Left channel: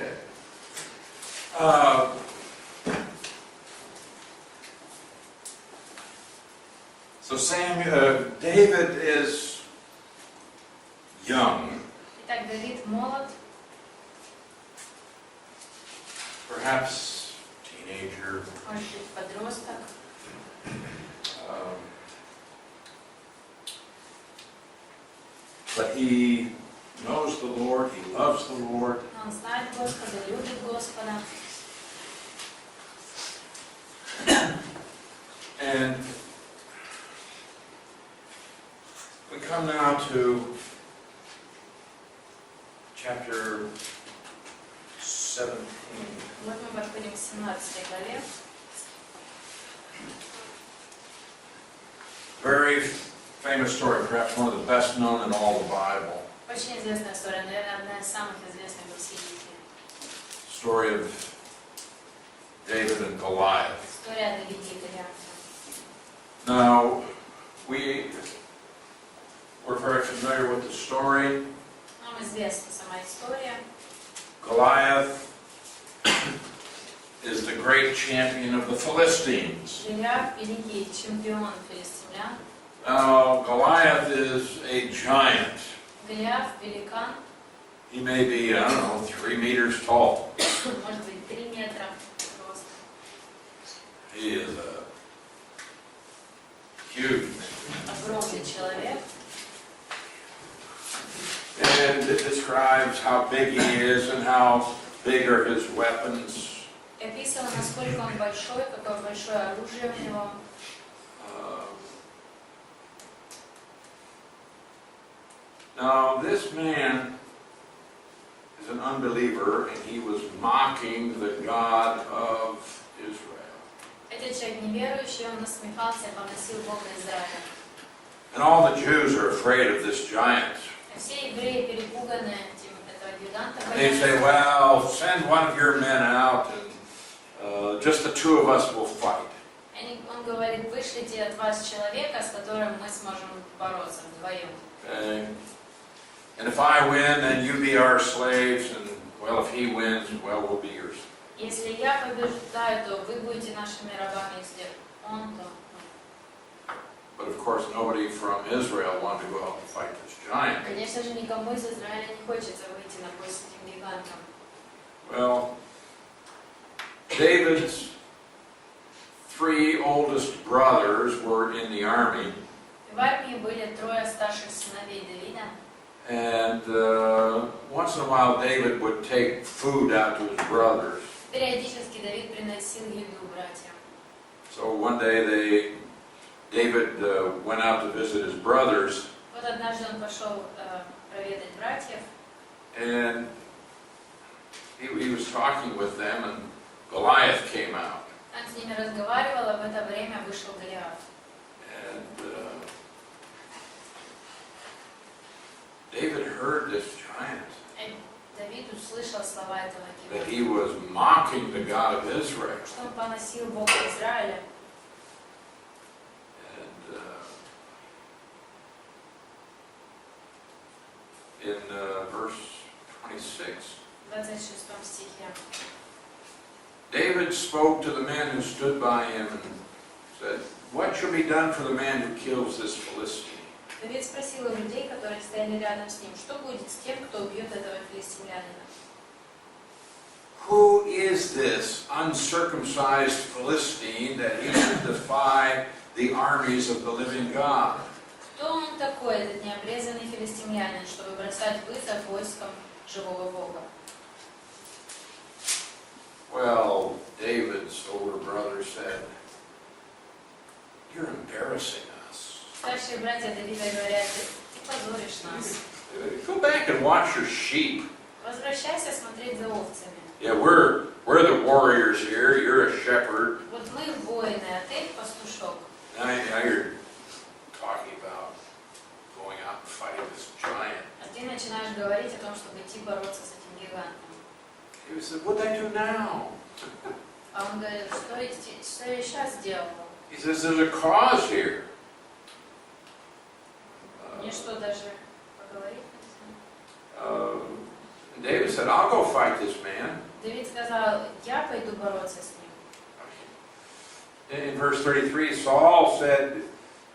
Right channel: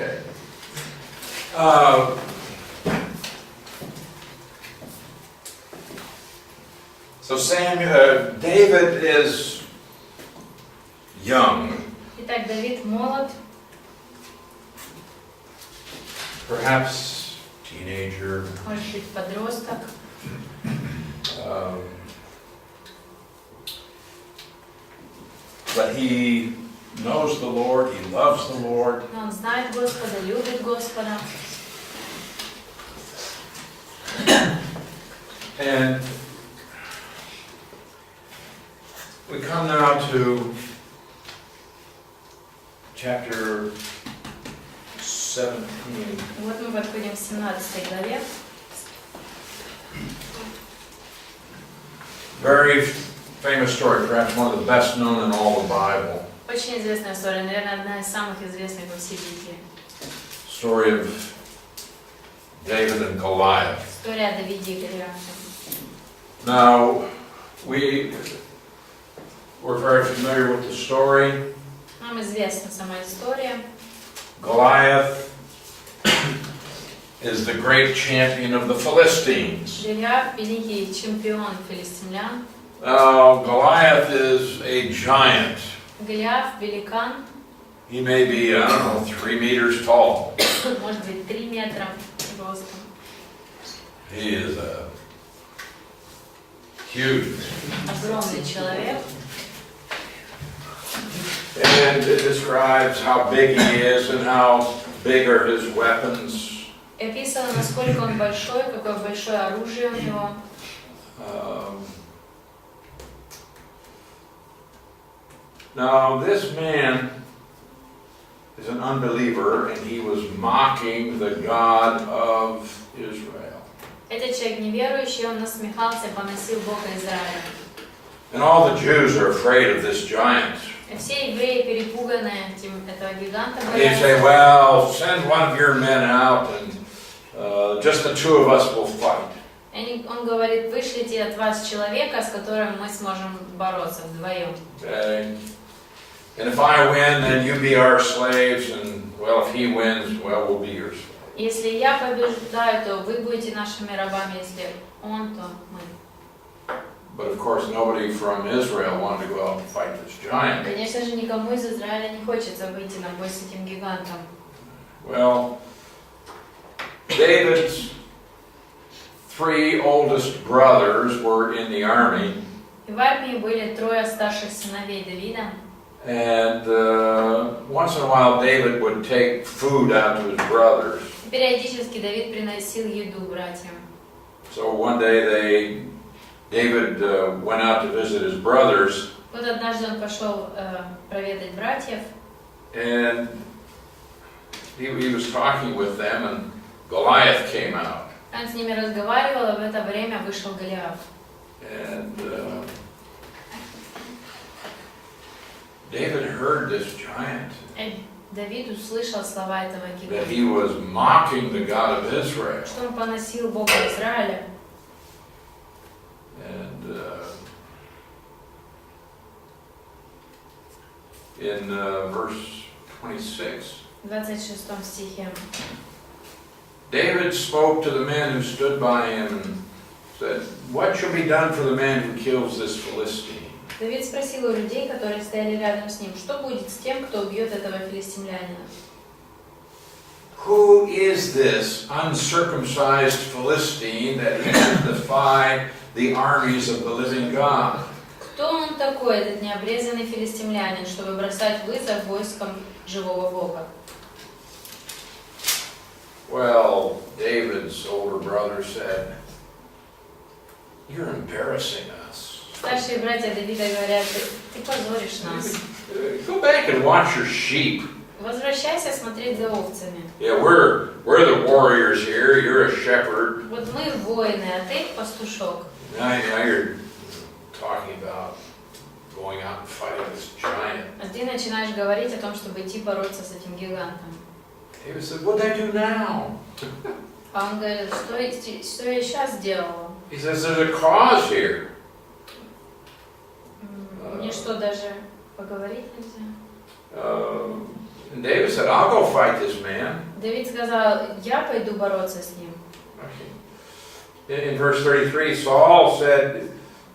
Okay. So David is young. Итак, Давид молод, Perhaps teenager. может быть, подросток. But he knows the Lord, he loves the Lord. Но он знает Господа, любит Господа. And we come now to chapter 17. Вот мы подходим к 17 главе. Very famous story, perhaps one of the best known in all the Bible. Очень известная история, наверное, одна из самых известных во всей Библии. Story of David and Goliath. История о Давиде и Голиафе. Now, we're very familiar with the story. Нам известна сама история. Goliath is the great champion of the Philistines. Голиаф – великий чемпион филистимлян. Now, Goliath is a giant. Голиаф – великан, He may be, I don't know, 3 meters tall. может быть, 3 метра ростом. He is a huge man. Огромный человек. And it describes how big he is and how big are his weapons. И описано, насколько он большой, какое большое оружие у него. Now, this man is an unbeliever, and he was mocking the God of Israel. Этот человек неверующий, он насмехался, поносил Бога Израиля. And all the Jews are afraid of this giant. И все евреи перепуганы этого гиганта. They say, well, send one of your men out, and just the two of us will fight. Он говорит, вышлите от вас человека, с которым мы сможем бороться вдвоем. Okay. And if I win, then you be our slaves, and, well, if he wins, well, we'll be your slaves. Если я побеждаю, то вы будете нашими рабами, если он, то мы. But of course, nobody from Israel wanted to go out and fight this giant. Конечно же, никому из Израиля не хочется выйти на бой с этим гигантом. Well, David's 3 oldest brothers were in the army. И в армии были 3 старших сыновей Давида. And once in a while, David would take food out to his brothers. Периодически Давид приносил еду братьям. So one day David went out to visit his brothers. Вот однажды он пошел проведать братьев. And he was talking with them, and Goliath came out. Он с ними разговаривал, а в это время вышел Голиаф. And David heard this giant. Давид услышал слова этого That гиганта. he was mocking the God of Israel. Что он поносил Бога Израиля. And in verse 26, В 26 стихе. David spoke to the men who stood by him and said, "What shall be done for the man who kills this Philistine?" Давид спросил у людей, которые стояли рядом с ним, что будет с тем, кто убьет этого филистимлянина? Who is this uncircumcised Philistine that he should defy the armies of the living God? Кто он такой, этот необрезанный филистимлянин, чтобы бросать вызов войскам живого Бога? Well, David's older brother said, "You're embarrassing us. Старшие братья Давида говорят, ты позоришь нас. Go back and watch your sheep. Возвращайся смотреть за овцами. Yeah, we're the warriors here. You're a shepherd. Вот мы воины, а ты пастушок. Now you're talking about going out and fighting this giant." А ты начинаешь говорить о том, чтобы идти бороться с этим гигантом. David said, "What did I do now?" А он говорит, что я сейчас сделала? He says, "There's a cause here." Мне что, даже поговорить нельзя? And David said, I'll go fight this man. Давид сказал, я пойду бороться с ним. In verse 33, Saul said,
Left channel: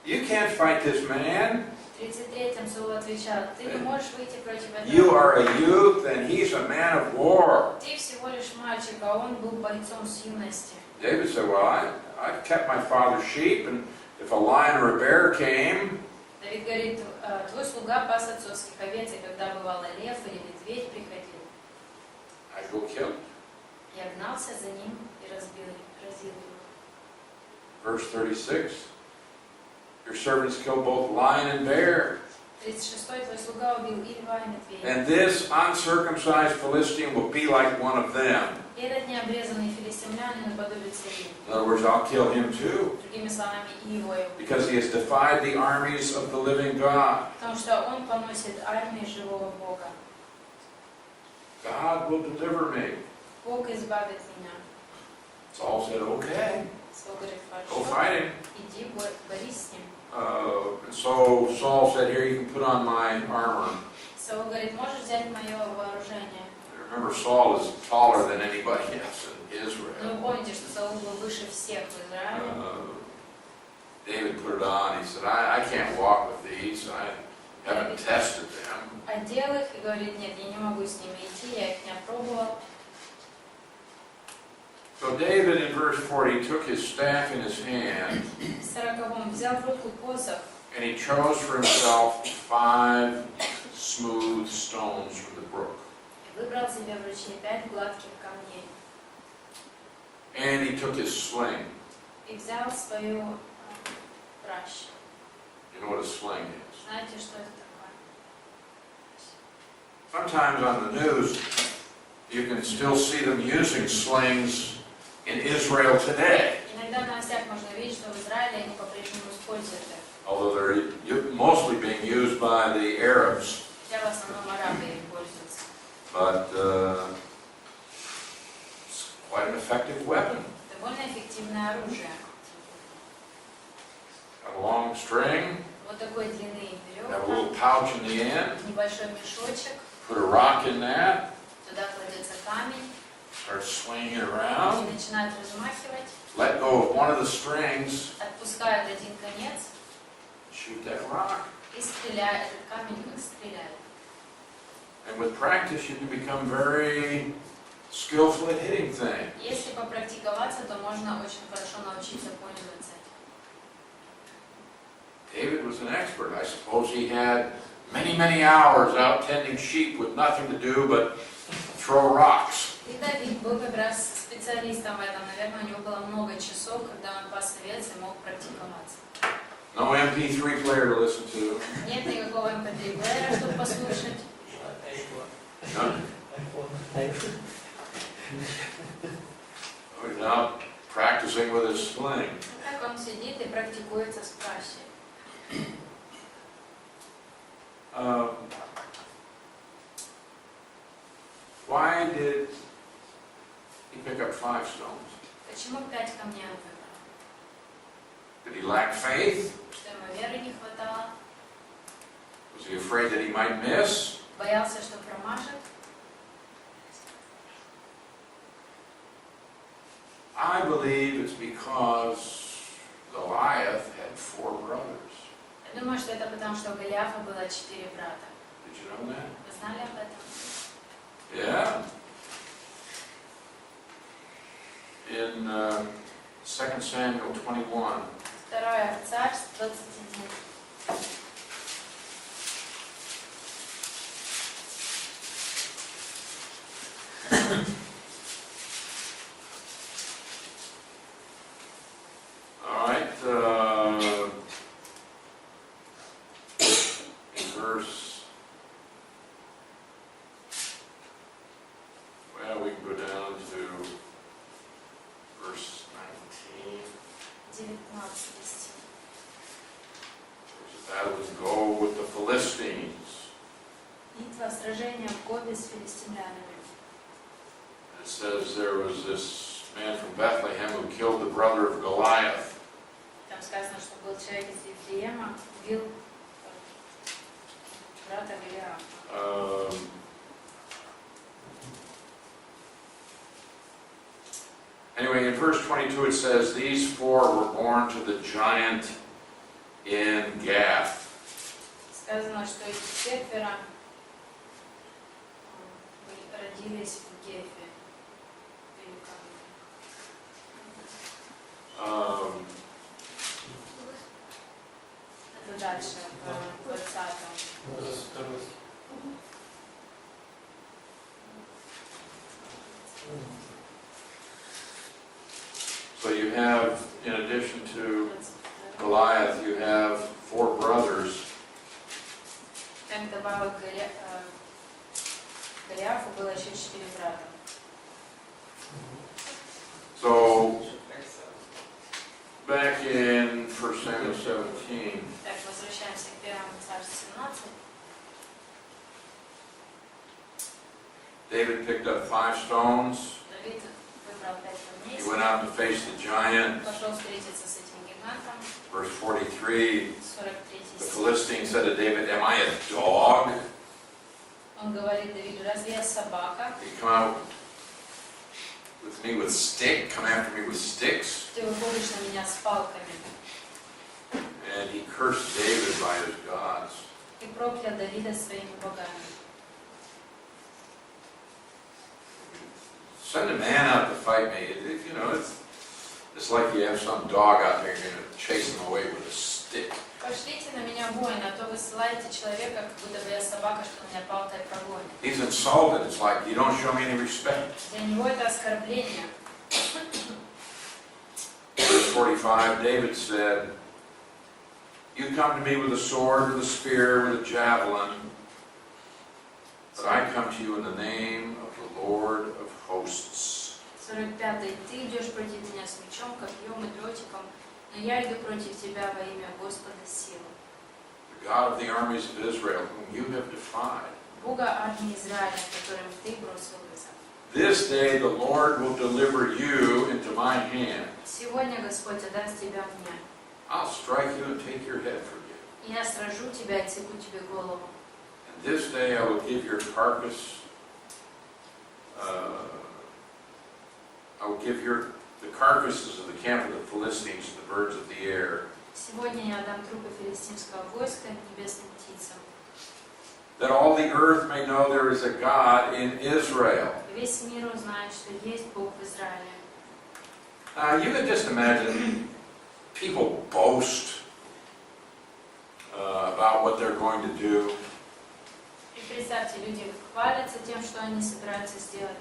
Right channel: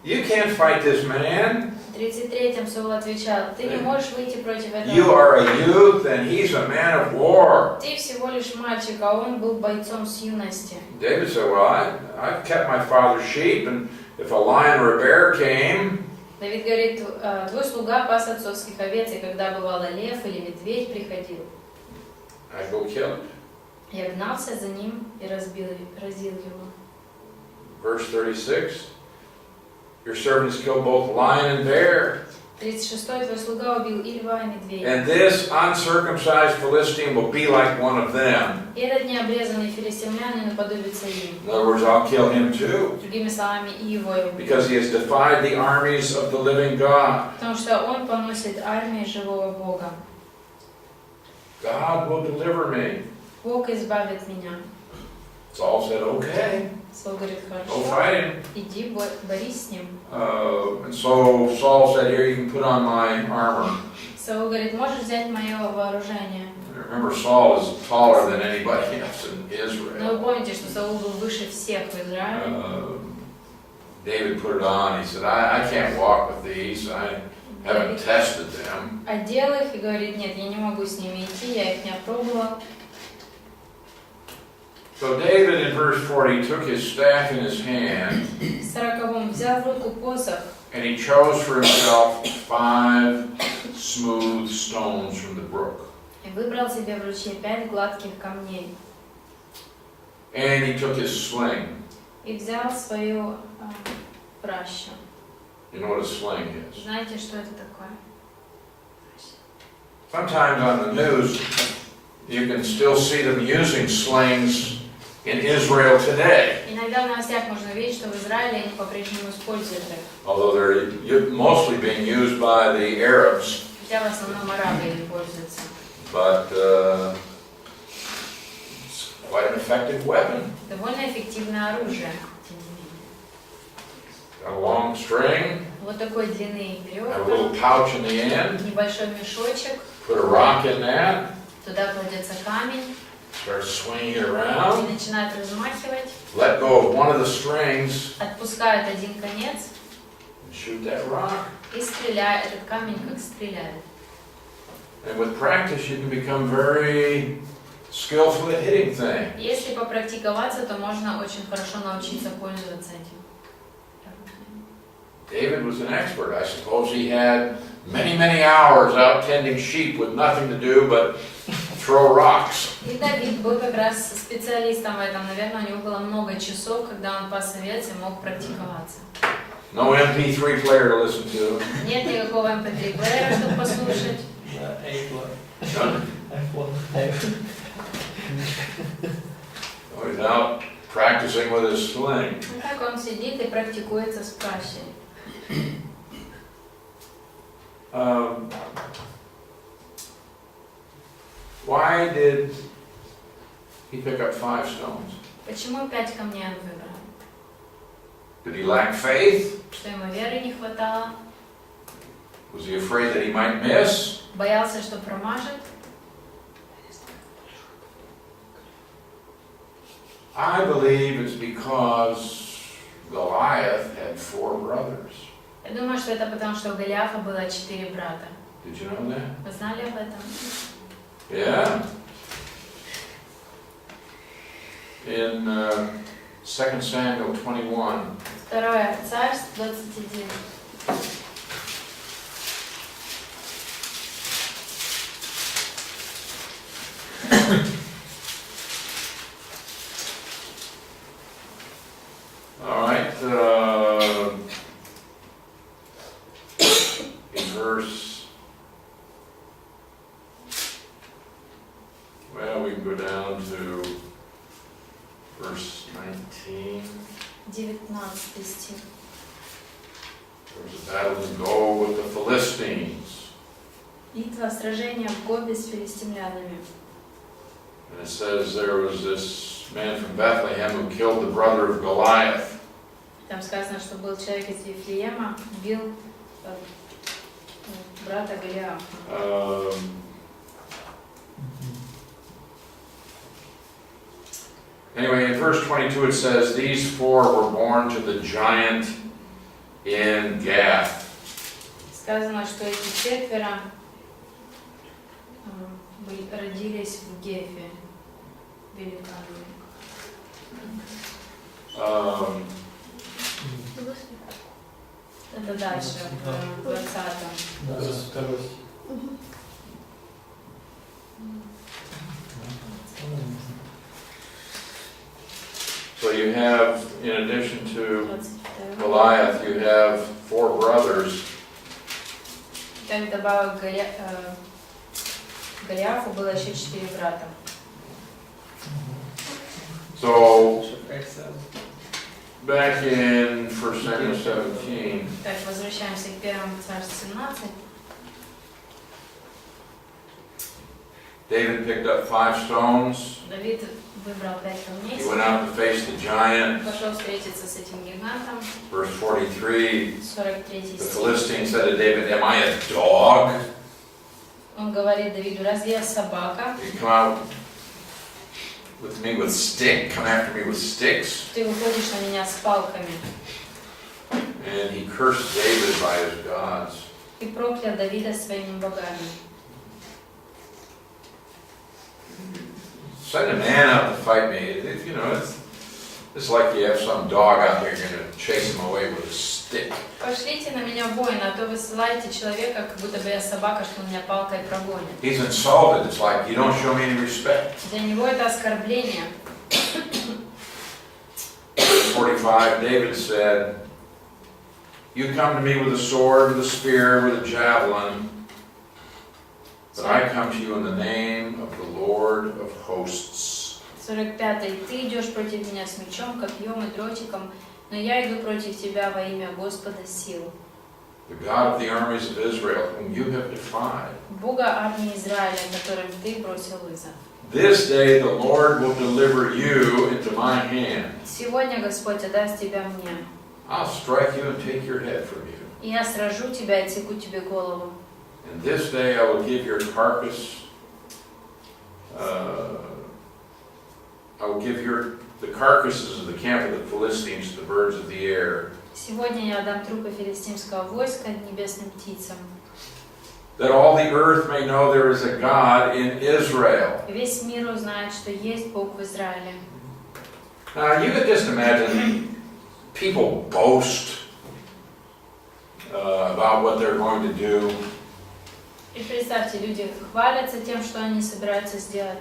you can't fight this man. В 33-м Саул отвечал, ты не можешь выйти против этого. You are a youth and he's a man of war. Ты всего лишь мальчик, а он был бойцом с юности. David said, well, I've kept my father's sheep, and if a lion or a bear came, Давид говорит, твой слуга пас отцовских овец, и когда бывало лев или медведь приходил, I'd go kill it. я гнался за ним и разил его. Verse 36, your servants killed both lion and bear. 36-й, твой слуга убил и льва, и медведя. And this uncircumcised Philistine will be like one of them. И этот необрезанный филистимлянин наподобится им. In other words, I'll kill him too, Другими словами, и его я убью. because he has defied the armies of the living God. Потому что он поносит армии живого Бога. God will deliver me. Бог избавит меня. Saul said, okay, Саул говорит, go хорошо, fight him. иди борись с ним. And so Saul said, here, you can put on my armor. Саул говорит, можешь взять мое вооружение. Remember, Saul is taller than anybody else in Но вы Israel. помните, что Саул был выше всех в Израиле. David put it on. He said, I can't walk with these. I haven't tested them. Одел их и говорит, нет, я не могу с ними идти, я их не опробовал. So David, in verse 40, took his staff in his hand, В 40-м взял в руку посох and he chose for himself 5 smooth stones from the brook. и выбрал себе в ручье 5 гладких камней. And he took his sling. И взял свою пращу. You know what a sling is? Знаете, что это такое? Sometimes on the news, you can still see them using slings in Israel today, Иногда в новостях можно видеть, что в Израиле они по-прежнему используют их. although they're mostly being used by the Arabs. Хотя в основном арабы ими пользуются. But it's quite an effective weapon. Довольно эффективное оружие. Got a long string, Вот такой длины got a little веревка, pouch in the end, небольшой мешочек, put a rock in that, туда кладется камень, start swinging it и around, начинает размахивать, let go of one of the strings, отпускает один конец and shoot that rock. и стреляет, этот камень как стреляет. And with practice, you can become very skillful at hitting things. Если попрактиковаться, то можно очень хорошо научиться пользоваться этим. David was an expert. I suppose he had many hours out tending sheep with nothing to do but throw rocks. И Давид был как раз специалистом в этом. Наверное, у него было много часов, когда он пас овец и мог практиковаться. No MP3 player to listen to. Нет никакого MP3 плеера, чтобы послушать. So he's out practicing with his sling. И так он сидит и практикуется с пращей. Why did he pick up 5 stones? Почему 5 камней он выбрал? Did he lack faith? Что ему веры не хватало? Was he afraid that he might miss? Боялся, что промажет? I believe it's because Goliath had 4 brothers. Я думаю, что это потому, что у Голиафа было 4 брата. Did you know that? Вы знали об этом? Yeah. In 2 Samuel 21, Второе Царств 21. all right, in verse, well, we can go down to verse 19. 19 стих. There's a battle in Go with the Philistines. Битва, сражение в Гобе с филистимлянами. And it says there was this man from Bethlehem who killed the brother of Goliath. Там сказано, что был человек из Вифлеема, убил брата Голиафа. verse 22 it says, these four were born to the giant in Gath. Сказано, что эти четверо родились в Гефе, великане. Это дальше, в 20-м. So you have, in addition to Goliath, you have four brothers. Так добавок Голиафу было еще 4 брата. So, back in 1 Samuel 17, Так, возвращаемся к 1 Царств 17. David picked up 5 stones. Давид выбрал 5 камней. He went out to face the giant. Пошел встретиться с этим гигантом. Verse 43, 43 the стих. Philistine said to David, am I a dog? Он говорит Давиду, разве я собака? You come out with me with stick, come after me with sticks. Ты выходишь на меня с палками. And he cursed David by his gods. И проклял Давида своими богами. Send a man out to fight me. It's like you have some dog out there, you're going to chase him away with a stick. Пошлите на меня воина, а то вы ссылаете человека, как будто бы я собака, что меня палкой прогонит. He's insulted. It's like you don't show me any respect. Для него это оскорбление. Verse 45, David said, you come to me with a sword, with a spear, with a javelin, but I come to you in the name of the Lord of hosts. 45. Ты идешь против меня с мечом, копьем и дротиком, но я иду против тебя во имя Господа сил. The God of the armies of Israel, whom you have defied. Бога армии Израиля, которым ты бросил вызов. This day the Lord will deliver you into my hand. Сегодня Господь отдаст тебя мне. I'll strike you and take your head from you. И я сражу тебя и отсеку тебе голову. And this day I will give your carcass, I will give the carcasses of the camp of the Philistines to the birds of the air. Сегодня я отдам трупы филистимского войска небесным птицам. That all the earth may know there is a God in Israel. Весь мир узнает, что есть Бог в Израиле. Now you could just imagine people boast about what they're going to do. И представьте, люди хвалятся тем, что они собираются сделать.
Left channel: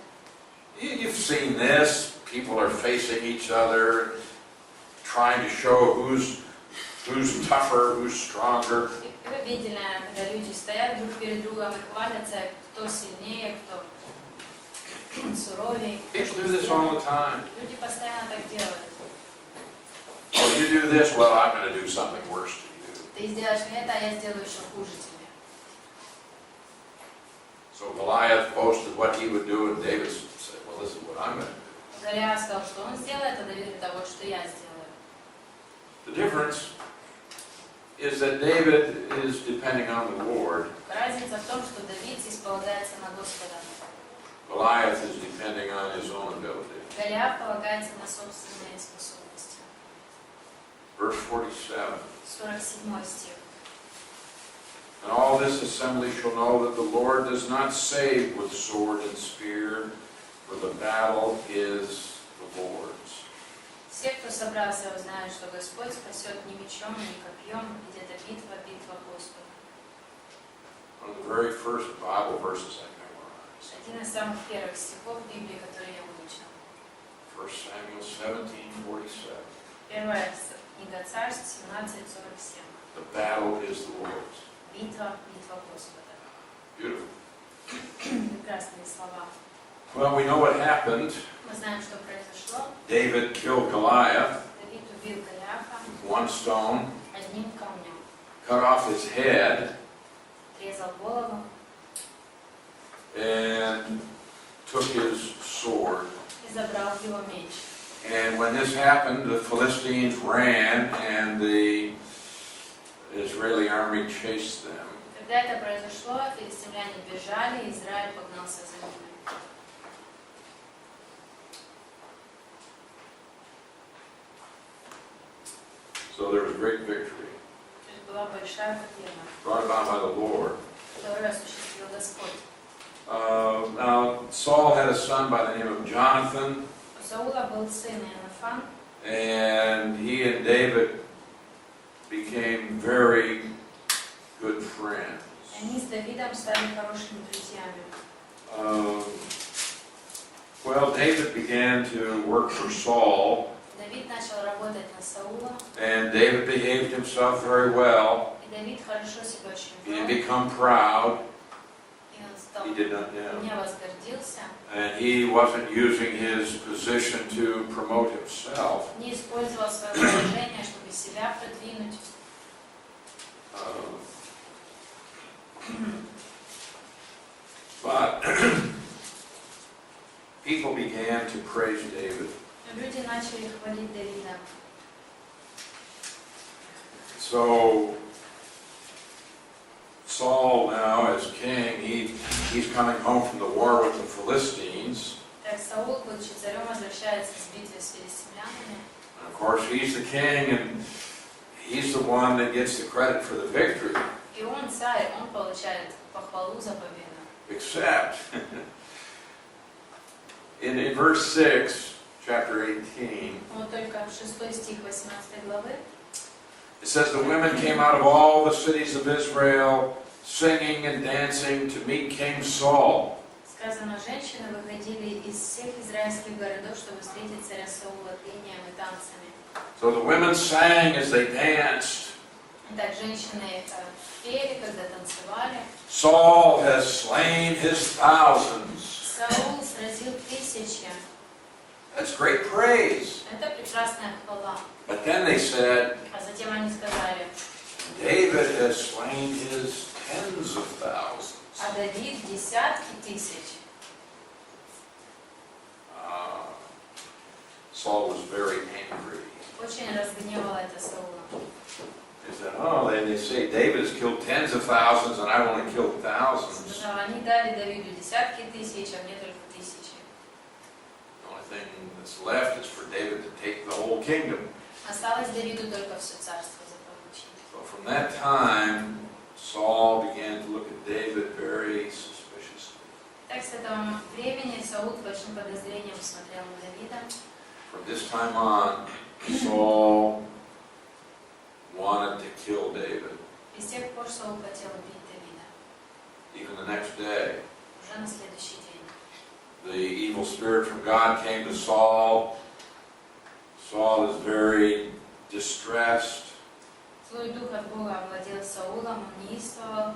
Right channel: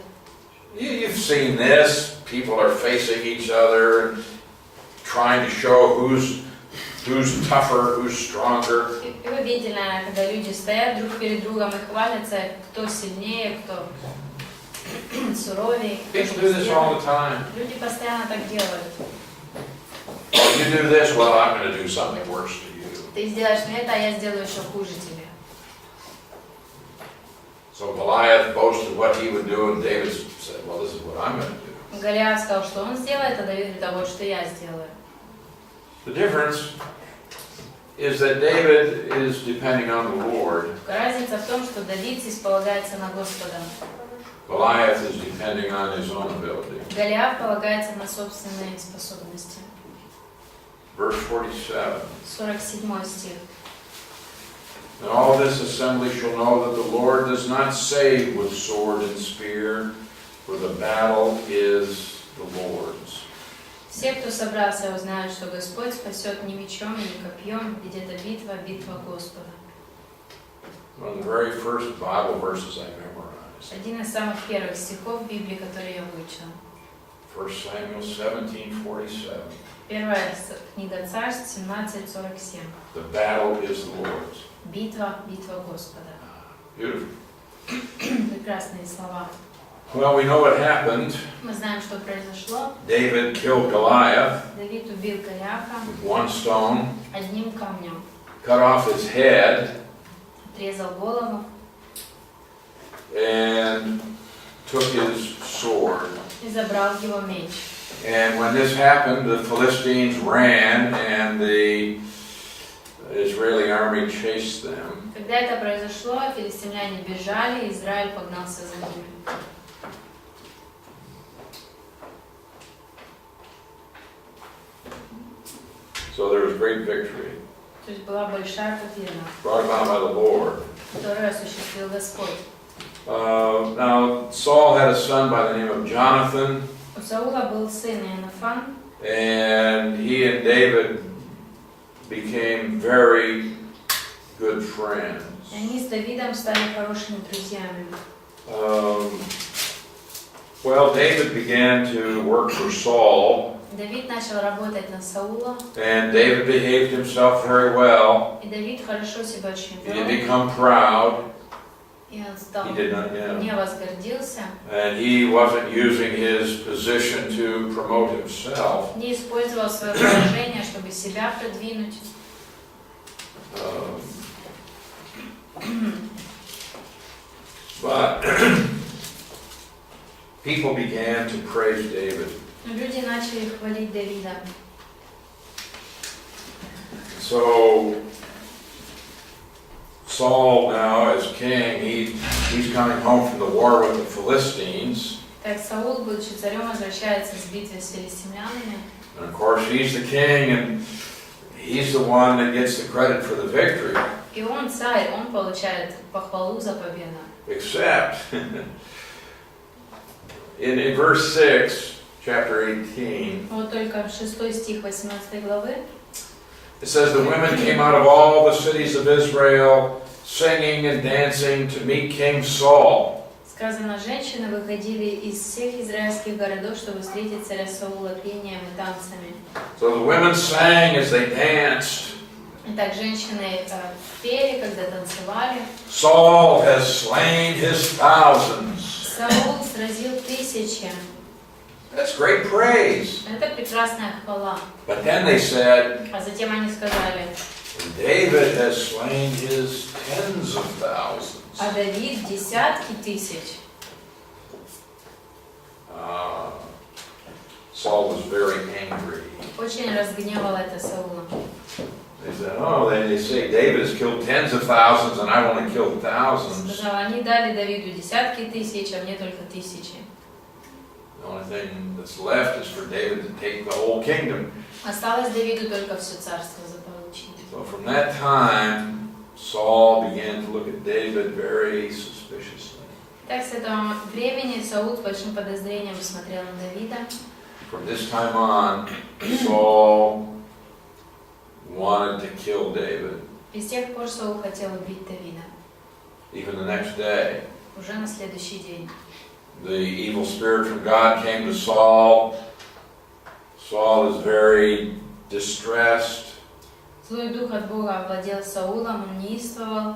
You've seen this. People are facing each other and trying to show who's tougher, who's stronger. И вы видели, когда люди стоят друг перед другом и хвалятся, кто сильнее, кто суровее. People do this all the time. Люди постоянно так делают. Oh, you do this, well, I'm going to do something worse to you. Ты сделаешь это, а я сделаю еще хуже тебе. So Goliath boasted what he would do, and David said, well, this is what I'm going to do. Голиаф сказал, что он сделает, а Давид говорит, вот что я сделаю. The difference is that David is depending on the Lord. Разница в том, что Давид здесь полагается на Господа. Goliath is depending on his own ability. Голиаф полагается на собственные способности. Verse 47. 47 стих. And all this assembly shall know that the Lord does not save with sword and spear, for the battle is the Lord's. Все, кто собрался, узнают, что Господь спасет не мечом, не копьем, ведь это битва, битва Господа. One of the very first Bible verses I memorized. Один из самых первых стихов Библии, который я выучил. 1 Samuel 17:47. Первая книга Царств 17:47. The battle is the Lord's. Битва, битва Господа. Beautiful. Прекрасные слова. Well, we know what happened. Мы знаем, что произошло. David killed Goliath Давид убил Голиафа with one stone, одним камнем. cut off his head, Отрезал голову and took his sword. и забрал его меч. And when this happened, the Philistines ran and the Israeli army chased them. Когда это произошло, филистимляне бежали, и Израиль погнался за ними. great victory, То есть была большая победа, brought about by the Lord. которую осуществил Господь. Now, Saul had a son by the name of Jonathan, У Саула был сын Иоаннафан, and he and David became very good friends. и они с Давидом стали хорошими друзьями. Well, David began to work for Saul, Давид начал работать на Саула, and David behaved himself very well. и Давид хорошо себя очень He didn't вел, become proud. и он стал He did not, yeah. не возгордился, And he wasn't using his position to promote himself. не использовал свое положение, чтобы себя продвинуть. But people began to praise David. Но люди начали хвалить Давида. So Saul now, as king, he's coming home from the war with the Philistines. Так Саул, будучи царем, возвращается с битвы с филистимлянами. And of course, he's the king, and he's the one that gets the credit for the victory. И он царь, он получает похвалу за победу. Except in verse 6, chapter 18, Вот только 6 стих 18 главы. it says, the women came out of all the cities of Israel, singing and dancing to meet King Saul. Сказано, женщины выходили из всех израильских городов, чтобы встретить царя Саула пением и танцами. So the women sang as they danced. Итак, женщины пели, когда танцевали. Saul has slain his thousands. Саул сразил тысячи. That's great praise. Это прекрасная хвала. But then they said, А затем они сказали, David has slain his tens of thousands. а Давид десятки тысяч. Saul was very angry. Очень разгневало это Саула. They said, oh, they say David has killed tens of thousands and I've only killed thousands. Сказал, они дали Давиду десятки тысяч, а мне только тысячи. The only thing that's left is for David to take the whole kingdom. Осталось Давиду только все царство заполучить. So from that time, Saul began to look at David very suspiciously. Так с этого времени Саул с большим подозрением смотрел на Давида. From this time on, Saul wanted to kill David. И с тех пор Саул хотел убить Давида. Even the next day, Уже на следующий день. the evil spirit from God came to Saul. Saul is very distressed. Злой дух от Бога овладел Саулом, он неистовал.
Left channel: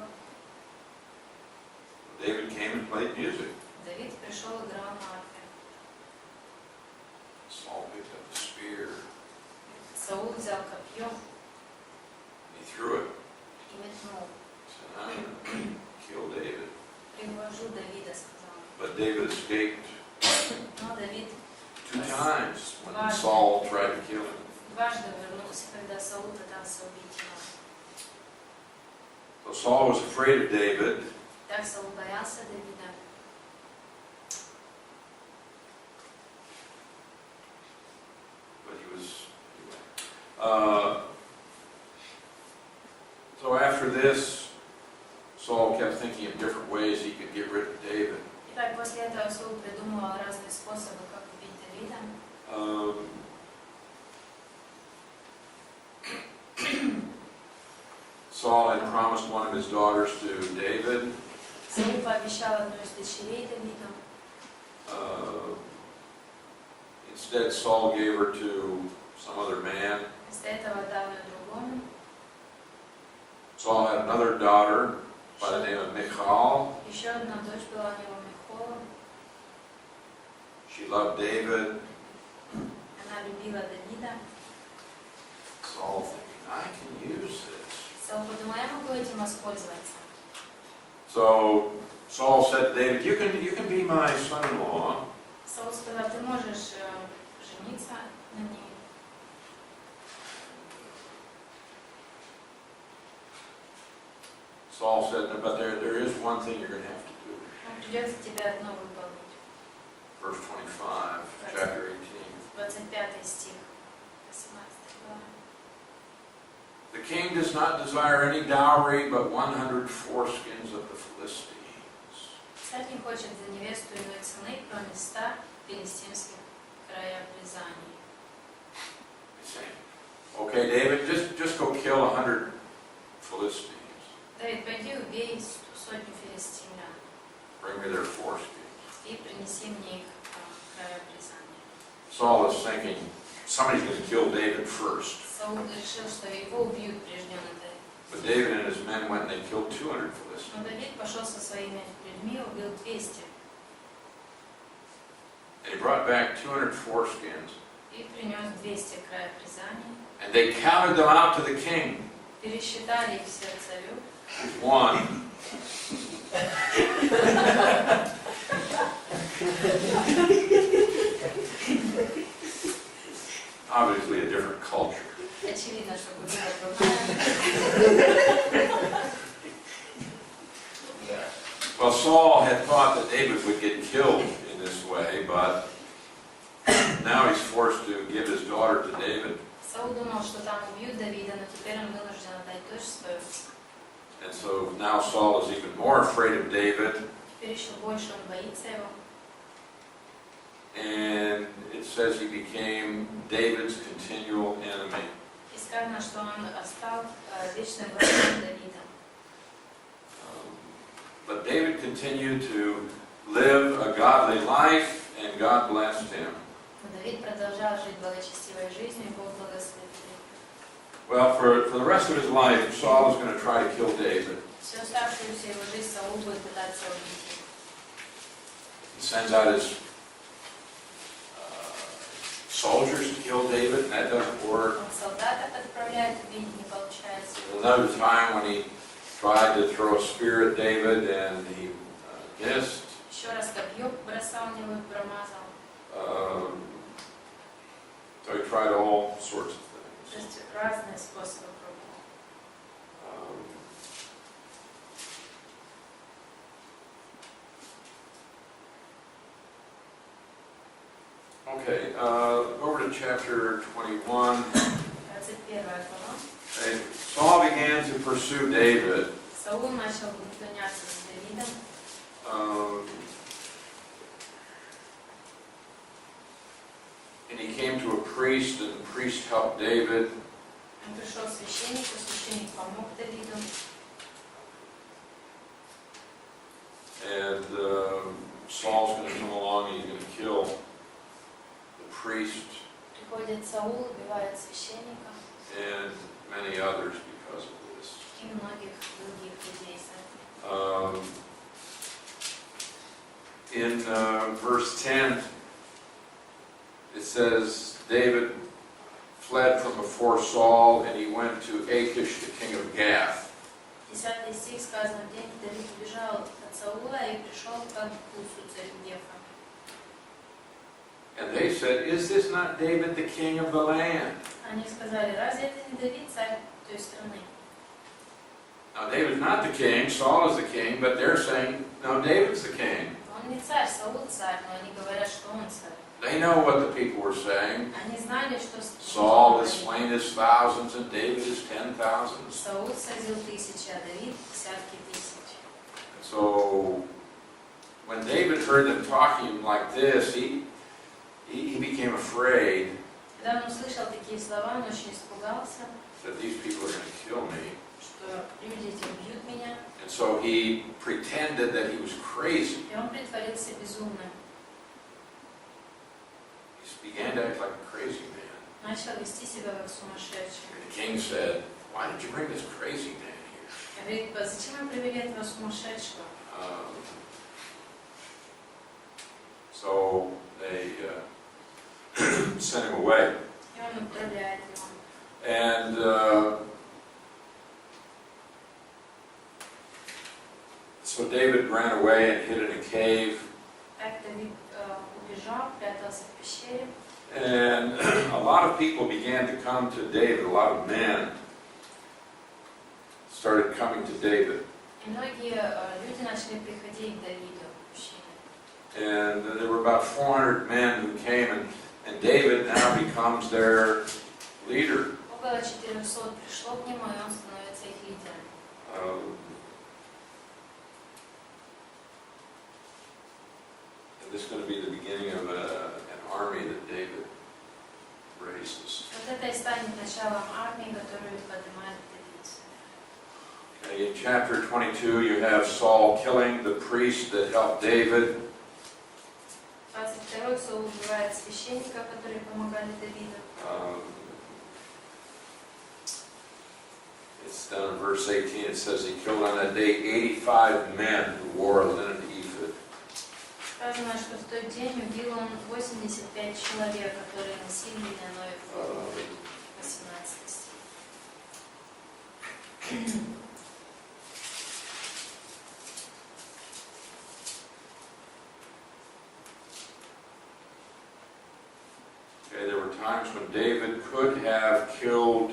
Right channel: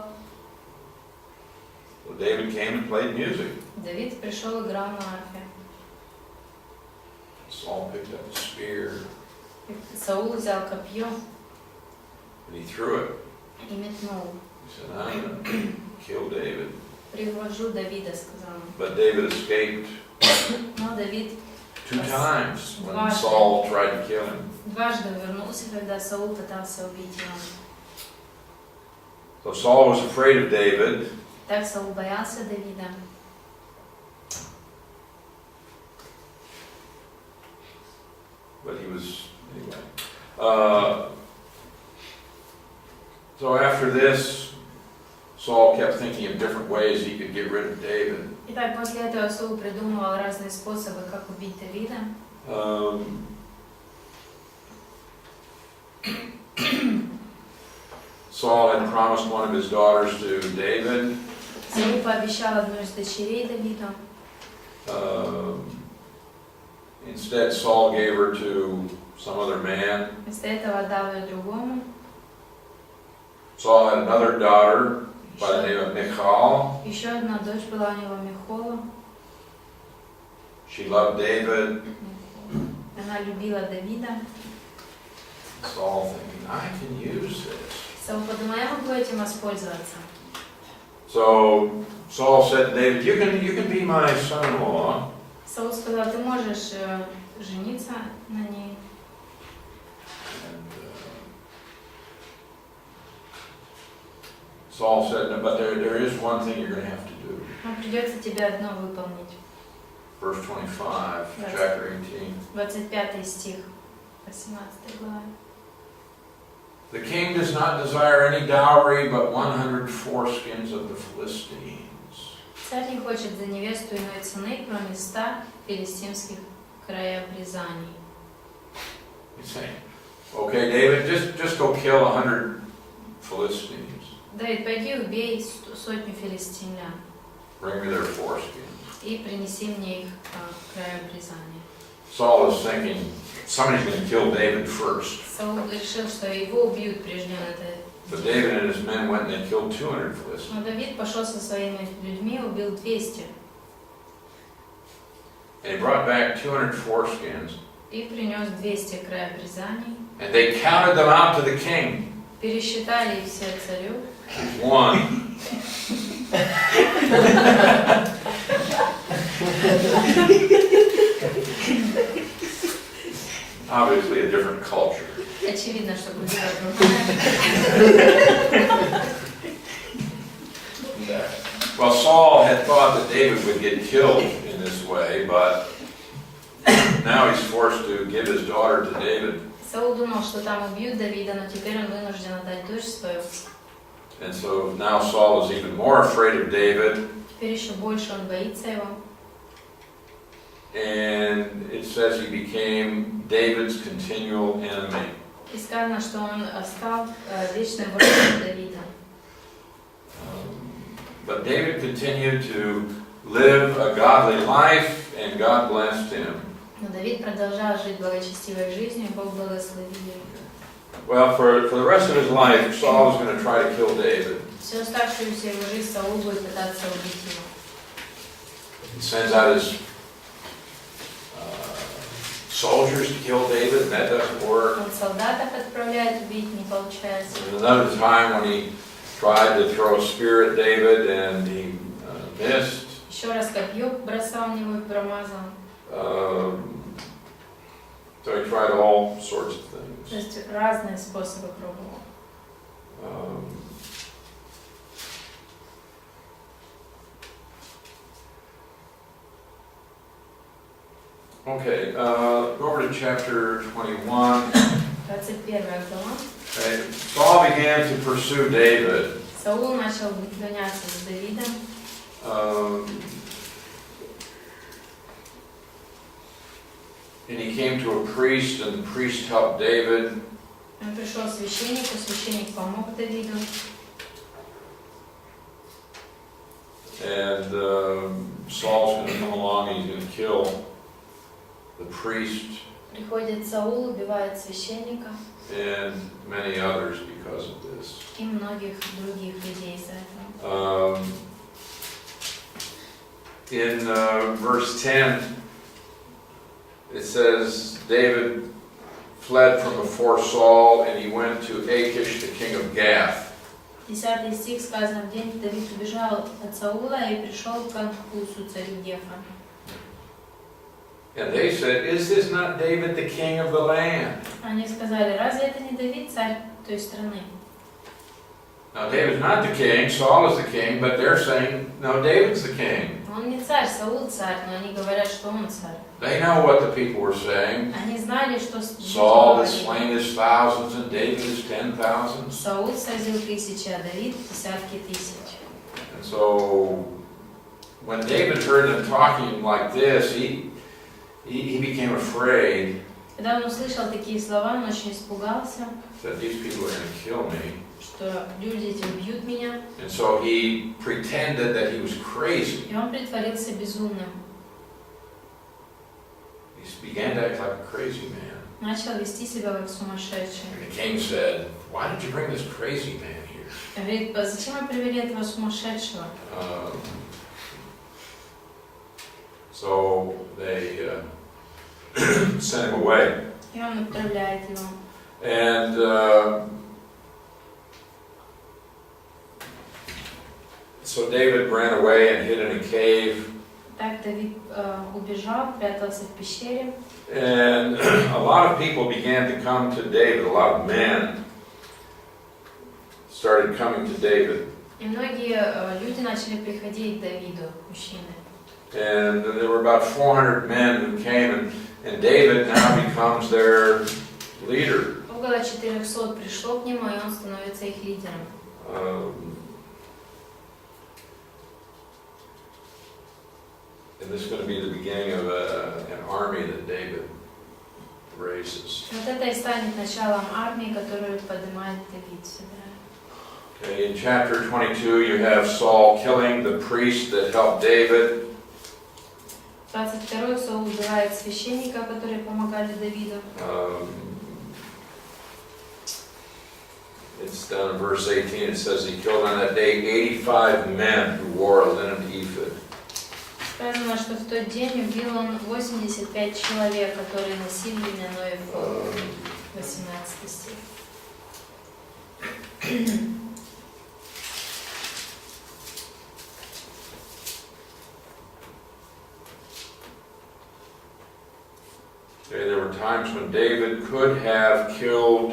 So David came and played music. Давид пришел и играл на арфе. Saul picked up the spear Саул взял копье and he threw it. и метнул. He said, I'm going to kill David. Привожу Давида, сказал он. But David escaped Но Давид 2 times when Saul tried to kill him. дважды вернулся, когда Саул пытался убить его. So Saul was afraid of David. Так Саул боялся Давида. But he was, anyway. So after this, Saul kept thinking of different ways he could get rid of David. Итак, после этого Саул придумывал разные способы, как убить Давида. Saul had promised one of his daughters to David. Саул пообещал одну из дочерей Давиду. Instead, Saul gave her to some other man. Вместо этого отдал ее другому. Saul had another daughter by the name of Michal. Еще одна дочь была у него, Михола. She loved David. Она любила Давида. Saul thinking, I can use this. Саул подумал, я могу этим воспользоваться. So Saul said to David, you can be my son-in-law. Саул сказал, ты можешь жениться на ней. Saul said, no, but there is one thing you're going to have to do. Но придется тебе одно выполнить. Verse 25, chapter 18. 25 стих, 18 глава. The king does not desire any dowry, but 100 foreskins of the Philistines. Царь не хочет за невесту иной цены, кроме 100 филистимских краеобрезаний. He's saying, okay, David, just go kill 100 Philistines. Давид, пойди убей сотню филистимлян Bring me their foreskins. и принеси мне их краеобрезание. Saul is thinking, somebody's going to kill David first. Саул решил, что его убьют, прежде он это. But David and his men went and they killed 200 Philistines. Но Давид пошел со своими людьми и убил 200. And he brought back 200 foreskins. И принес 200 краеобрезаний. And they counted them out to the king. Пересчитали их все царю. One. Obviously a different culture. Очевидно, что культура другая. Well, Saul had thought that David would get killed in this way, but now he's forced to give his daughter to David. Саул думал, что там убьют Давида, но теперь он вынужден отдать дочь свою. And so now Saul is even more afraid of David. Теперь еще больше он боится его. And it says he became David's continual enemy. И сказано, что он стал вечным врагом Давида. But David continued to live a godly life, and God blessed him. Но Давид продолжал жить благочестивой жизнью, и Бог благословил его. Well, for the rest of his life, Saul is going to try to kill David. Всю оставшуюся его жизнь Саул будет пытаться убить его. He sends out his soldiers to kill David, and that doesn't work. Он солдатов отправляет убить, не получается. There's another time when he tried to throw a spear at David, and he missed. Еще раз копье бросал в него и промазал. So he tried all sorts of things. То есть разные способы пробовал. Okay, go over to chapter 21. 21 глава. Okay. Saul began to pursue David. Саул начал гоняться за Давидом. And he came to a priest, and the priest helped David. Он пришел к священнику, священник помог Давиду. And Saul's going to come along and he's going to kill the priest Приходит Саул, убивает священника and many others because of this. и многих других людей за это. In verse 10, it says, David fled from before Saul, and he went to Achish, the king of Gath. 10 стих сказано, в день Давид убежал от Саула и пришел к Анкусу, царю Гефа. And they said, is this not David, the king of the land? Они сказали, разве это не Давид, царь той страны? Now, David's not the king, Saul is the king, but they're saying, no, David's the king. Он не царь, Саул царь, но они говорят, что он царь. They know what the people were saying. Они знали, что Saul has slain his thousands, and David his 10,000s. Саул сразил тысячи, а Давид десятки тысяч. And so, when David heard them talking like this, he became afraid Когда он услышал такие слова, он очень испугался, that these people are going to kill me. что люди эти убьют меня. And so he pretended that he was crazy. И он притворился безумным. He began to act like a crazy man. Начал вести себя как сумасшедший. And the king said, why did you bring this crazy man here? Говорит, зачем вы привели этого сумасшедшего? So they sent him away. И он отправляет его. And so David ran away and hid in a cave. Так Давид убежал, прятался в пещере. And a lot of people began to come to David. A lot of men started coming to David. И многие люди начали приходить к Давиду, мужчины. And there were about 400 men who came, and David now becomes their leader. Около около 400 пришло к нему, и он становится их лидером. And this is going to be the beginning of an army that David raises. Вот это и станет началом армии, которую поднимает Давид сюда. Okay, in chapter 22, you have Saul killing the priest that helped David. 22 Саул убивает священника, которые помогали Давиду. It's down in verse 18. It says he killed on that day 85 men who wore a linen ephod. Сказано, что в тот день убил он 85 человек, которые носили льняной эфод. 18 стих. Okay, there were times when David could have killed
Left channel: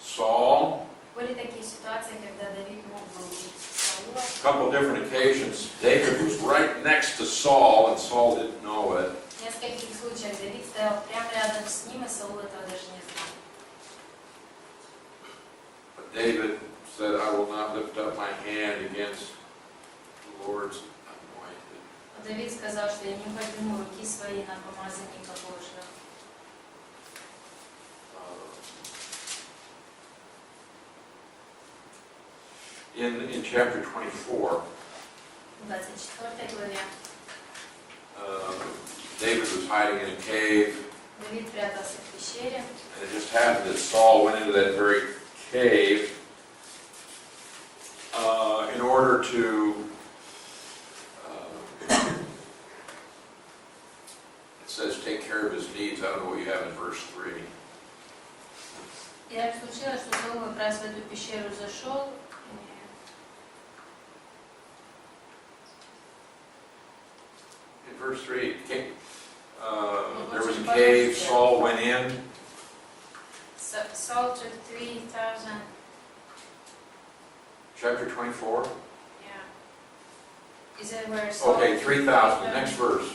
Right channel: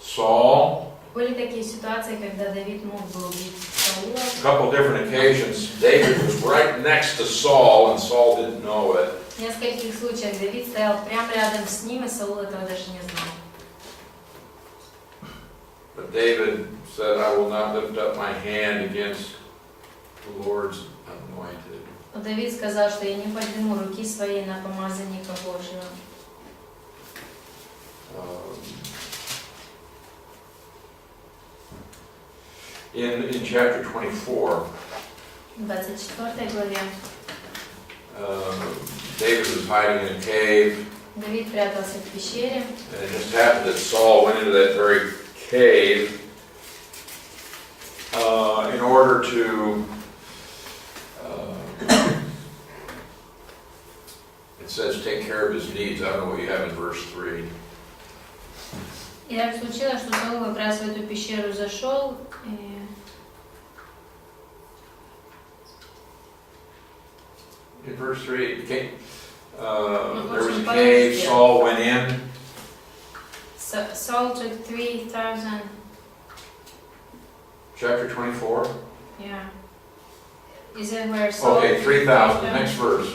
Saul. Были такие ситуации, когда Давид мог бы убить Саула. A couple different occasions, David was right next to Saul, and Saul didn't know it. В нескольких случаях Давид стоял прямо рядом с ним, и Саул этого даже не знал. But David said, I will not lift up my hand against the Lord's anointed. Но Давид сказал, что я не подниму руки свои на помазанника Божьего. In chapter 24, В 24 главе David was hiding in a cave, Давид прятался в пещере, and it just happened that Saul went into that very cave in order to, it says, take care of his needs. I don't know what you have in verse 3. и так случилось, что Саул как раз в эту пещеру зашел, и In verse 3, there was a cave, Saul went in. Saul took 3,000, Chapter 24. yeah. Is it where Saul... Okay, 3,000, the next verse.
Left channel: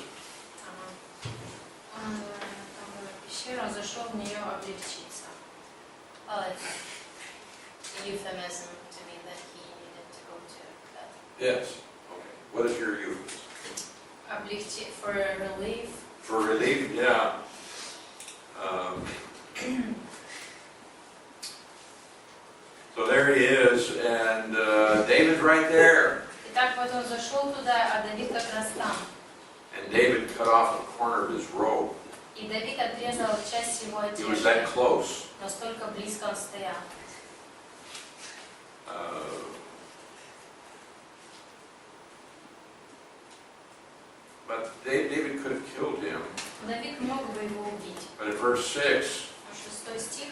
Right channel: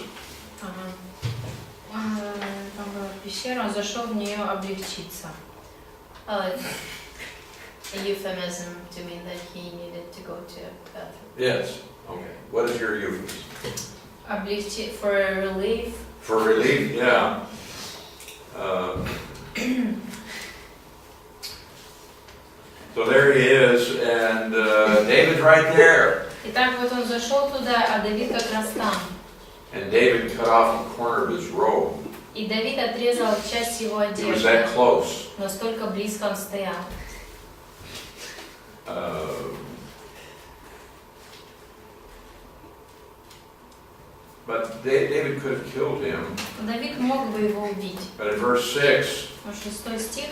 Он в пещеру, он зашел в нее облегчиться. Well, it's a euphemism to mean that he needed to go to the bathroom. Yes, okay. What is your euphemism? Облегчить, for relief. For relief, yeah. So there he is, and David's right there. Итак, вот он зашел туда, а Давид как раз там. And David cut off a corner of his robe. И Давид отрезал часть его He was that одежды. close. Настолько близко он стоял. But David could have killed him. Давид мог бы его убить. But in verse 6, Но 6 стих.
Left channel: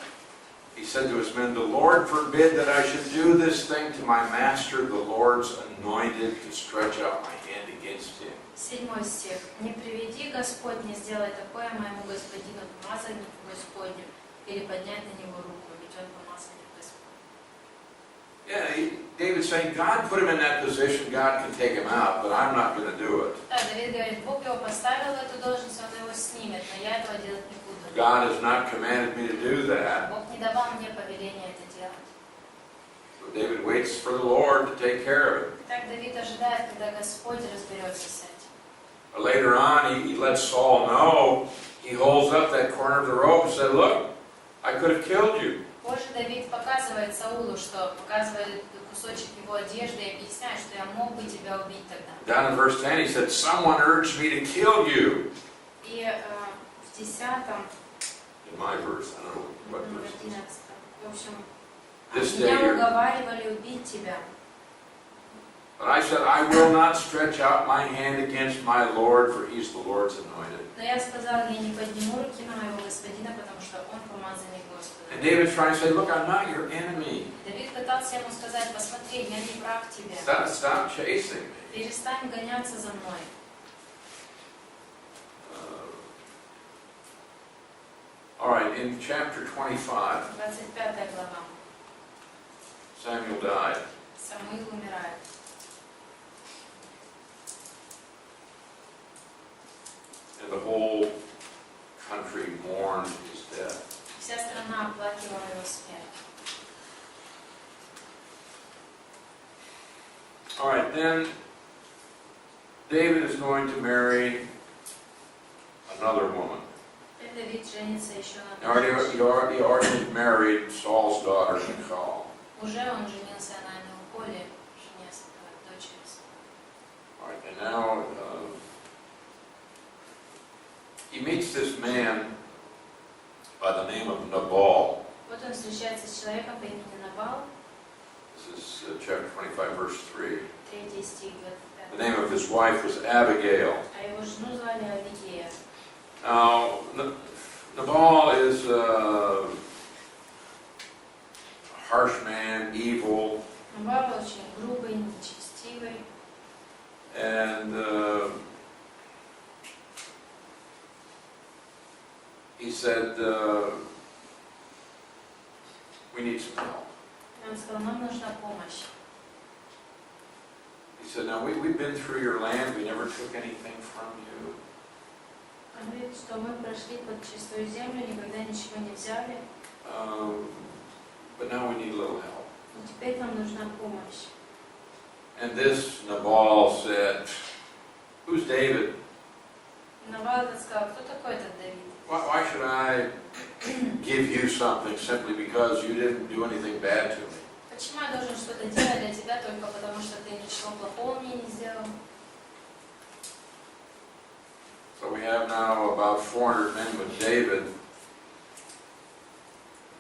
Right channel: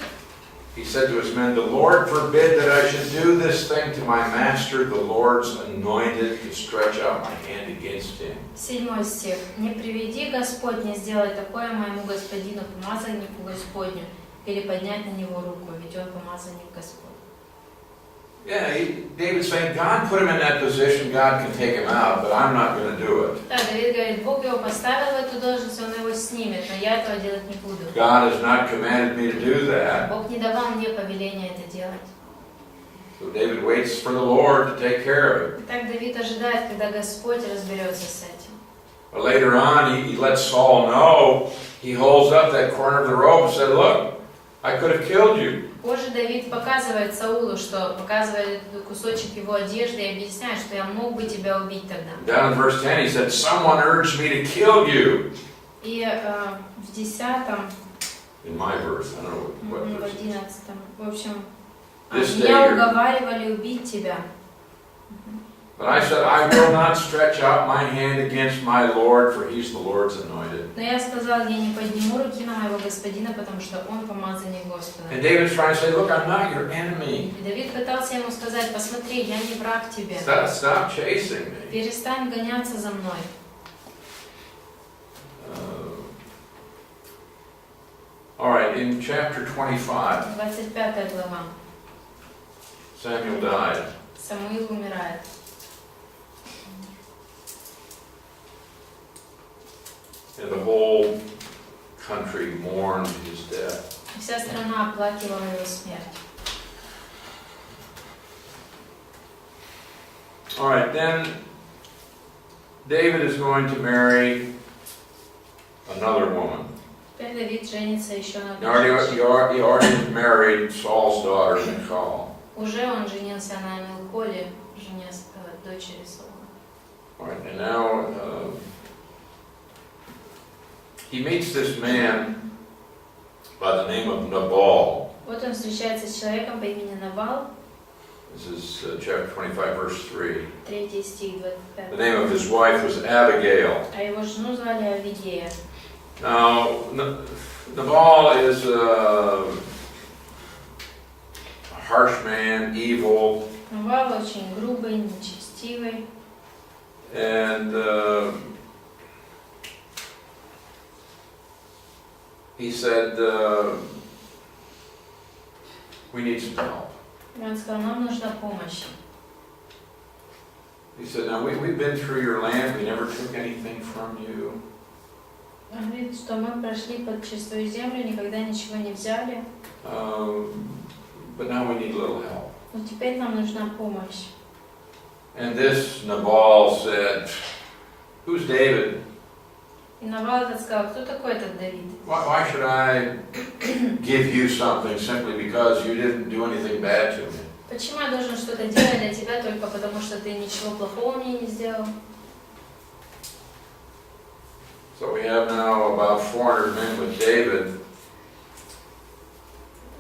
he said to his men, the Lord forbid that I should do this thing to my master, the Lord's anointed, to stretch out my hand against him. 7 стих. «Не приведи Господь не сделать такое моему господину, помазаннику Господню, переподнять на него руку, ведь он помазанник Господь». Yeah, David's saying, God put him in that position, God can take him out, but I'm not going to do it. Да, Давид говорит, Бог его поставил в эту должность, он его снимет, но я этого делать не буду. God has not commanded me to do that. Бог не давал мне повеления это делать. So David waits for the Lord to take care of it. Так Давид ожидает, когда Господь разберется с этим. But later on, he lets Saul know, he holds up that corner of the robe and said, look, I could have killed you. Позже Давид показывает Саулу, что показывает кусочек его одежды и объясняет, что я мог бы тебя убить тогда. Down in verse 10, he said, someone urged me to kill you. И в 10-м, In my verse, I don't know what в verse. 11-м, в общем, This day меня you're- уговаривали убить тебя. But I said, I will not stretch out my hand against my Lord, for he's the Lord's anointed. Но я сказал, я не подниму руки на моего господина, потому что он помазанник Господа. And David's trying to say, look, I'm not your enemy. И Давид пытался ему сказать, посмотри, я не враг тебе. Stop chasing me. Перестань гоняться за мной. All right, in chapter 25, 25 глава. Samuel died. Самуил умирает. And the whole country mourned his death. Вся страна оплакивала его смерть. All right, then David is going to marry another woman. Теперь Давид женится еще на He already married Saul's daughter, Michal. Уже он женился на Милколе, жене дочери Саула. All right, and now he meets this man by the name of Nabal. Вот он встречается с человеком по имени Набал. This is chapter 25, verse 3. 3 стих, 25. The name of his wife was Abigail. А его жену звали Авигея. Now, Nabal is a harsh man, evil, Набал очень грубый, нечестивый. and he said, we need some help. Он сказал, нам нужна помощь. He said, now we've been through your land, we never took anything from you. Он говорит, что мы прошли через свою землю, никогда ничего не взяли. But now we need a little help. Но теперь нам нужна помощь. And this Nabal said, who's David? И Набал этот сказал, кто такой этот Давид? Why should I give you something simply because you didn't do anything bad to me? Почему я должен что-то делать для тебя только потому, что ты ничего плохого мне не сделал? So we have now about 400 men with David.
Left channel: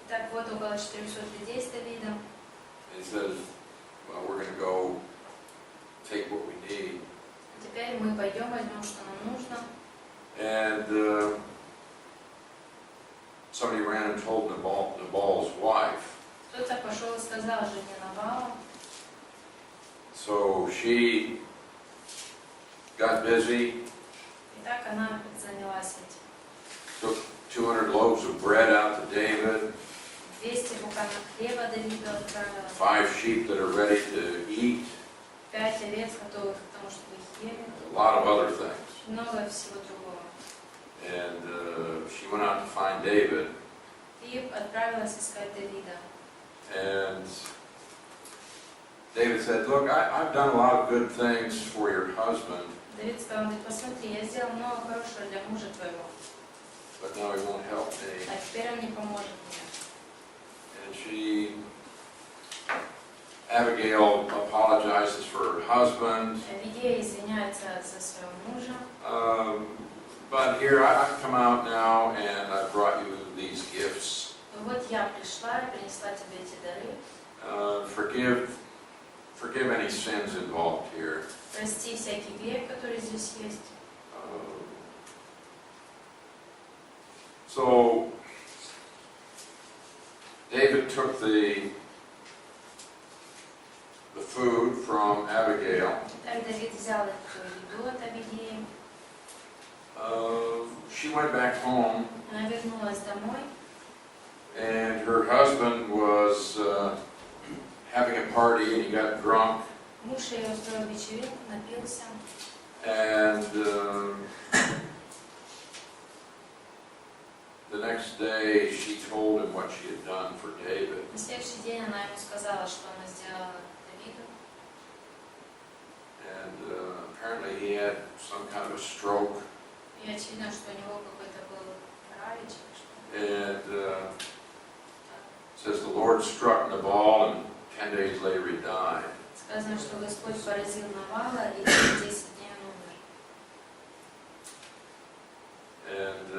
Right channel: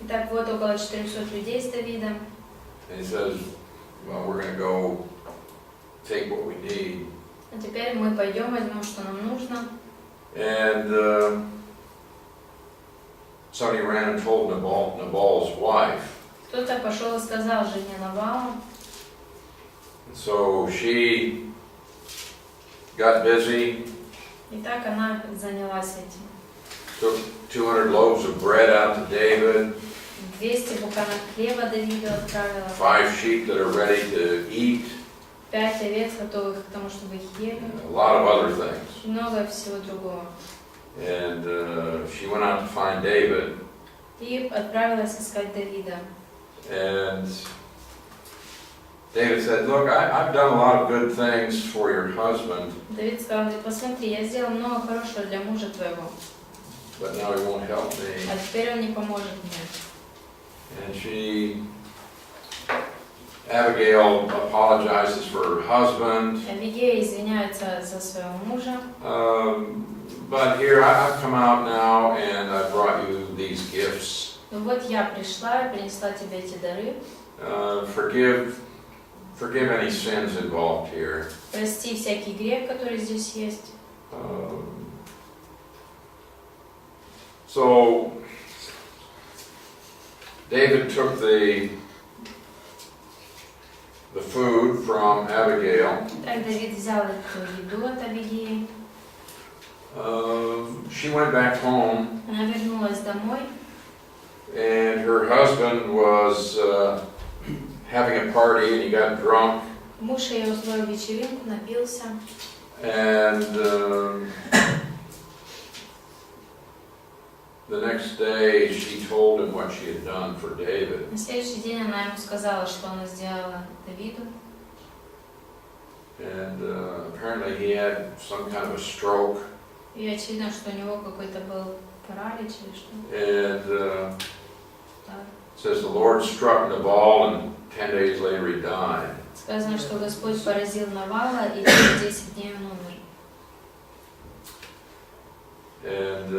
Итак, вот около 400 людей с Давидом. And he says, well, we're going to go take what we need. А теперь мы пойдем, возьмем, что нам нужно. And somebody ran and told Nabal's wife. Кто-то пошел и сказал жене Набала. So she got busy, И так она занялась этим. took 200 loaves of bread out to David, 200 буханок хлеба Давиду отправила. 5 sheep that are ready to eat, 5 овец, готовых к тому, чтобы их ели. a lot of other things. И много всего другого. And she went out to find David. И отправилась искать Давида. And David said, look, I've done a lot of good things for your husband, Давид сказал, посмотри, я сделал много хорошего для мужа твоего, but now he won't help me. а теперь он не поможет мне. And Abigail apologizes for her husband. Авигея извиняется за своего мужа. But here I've come out now and I brought you these gifts. Ну вот я пришла и принесла тебе эти дары. Forgive any sins involved here. Прости всякий грех, который здесь есть. So David took the food from Abigail. Так Давид взял эту еду от Авигеи. She went back home. Она вернулась домой. And her husband was having a party and he got drunk. Муж ее устроил вечеринку, напился. And the next day she told him what she had done for David. На следующий день она ему сказала, что она сделала Давиду. And apparently he had some kind of a stroke. И очевидно, что у него какой-то был паралич или что. And it says the Lord struck Nabal and 10 days later he died. Сказано, что Господь поразил Навала, и через 10 дней он умер. And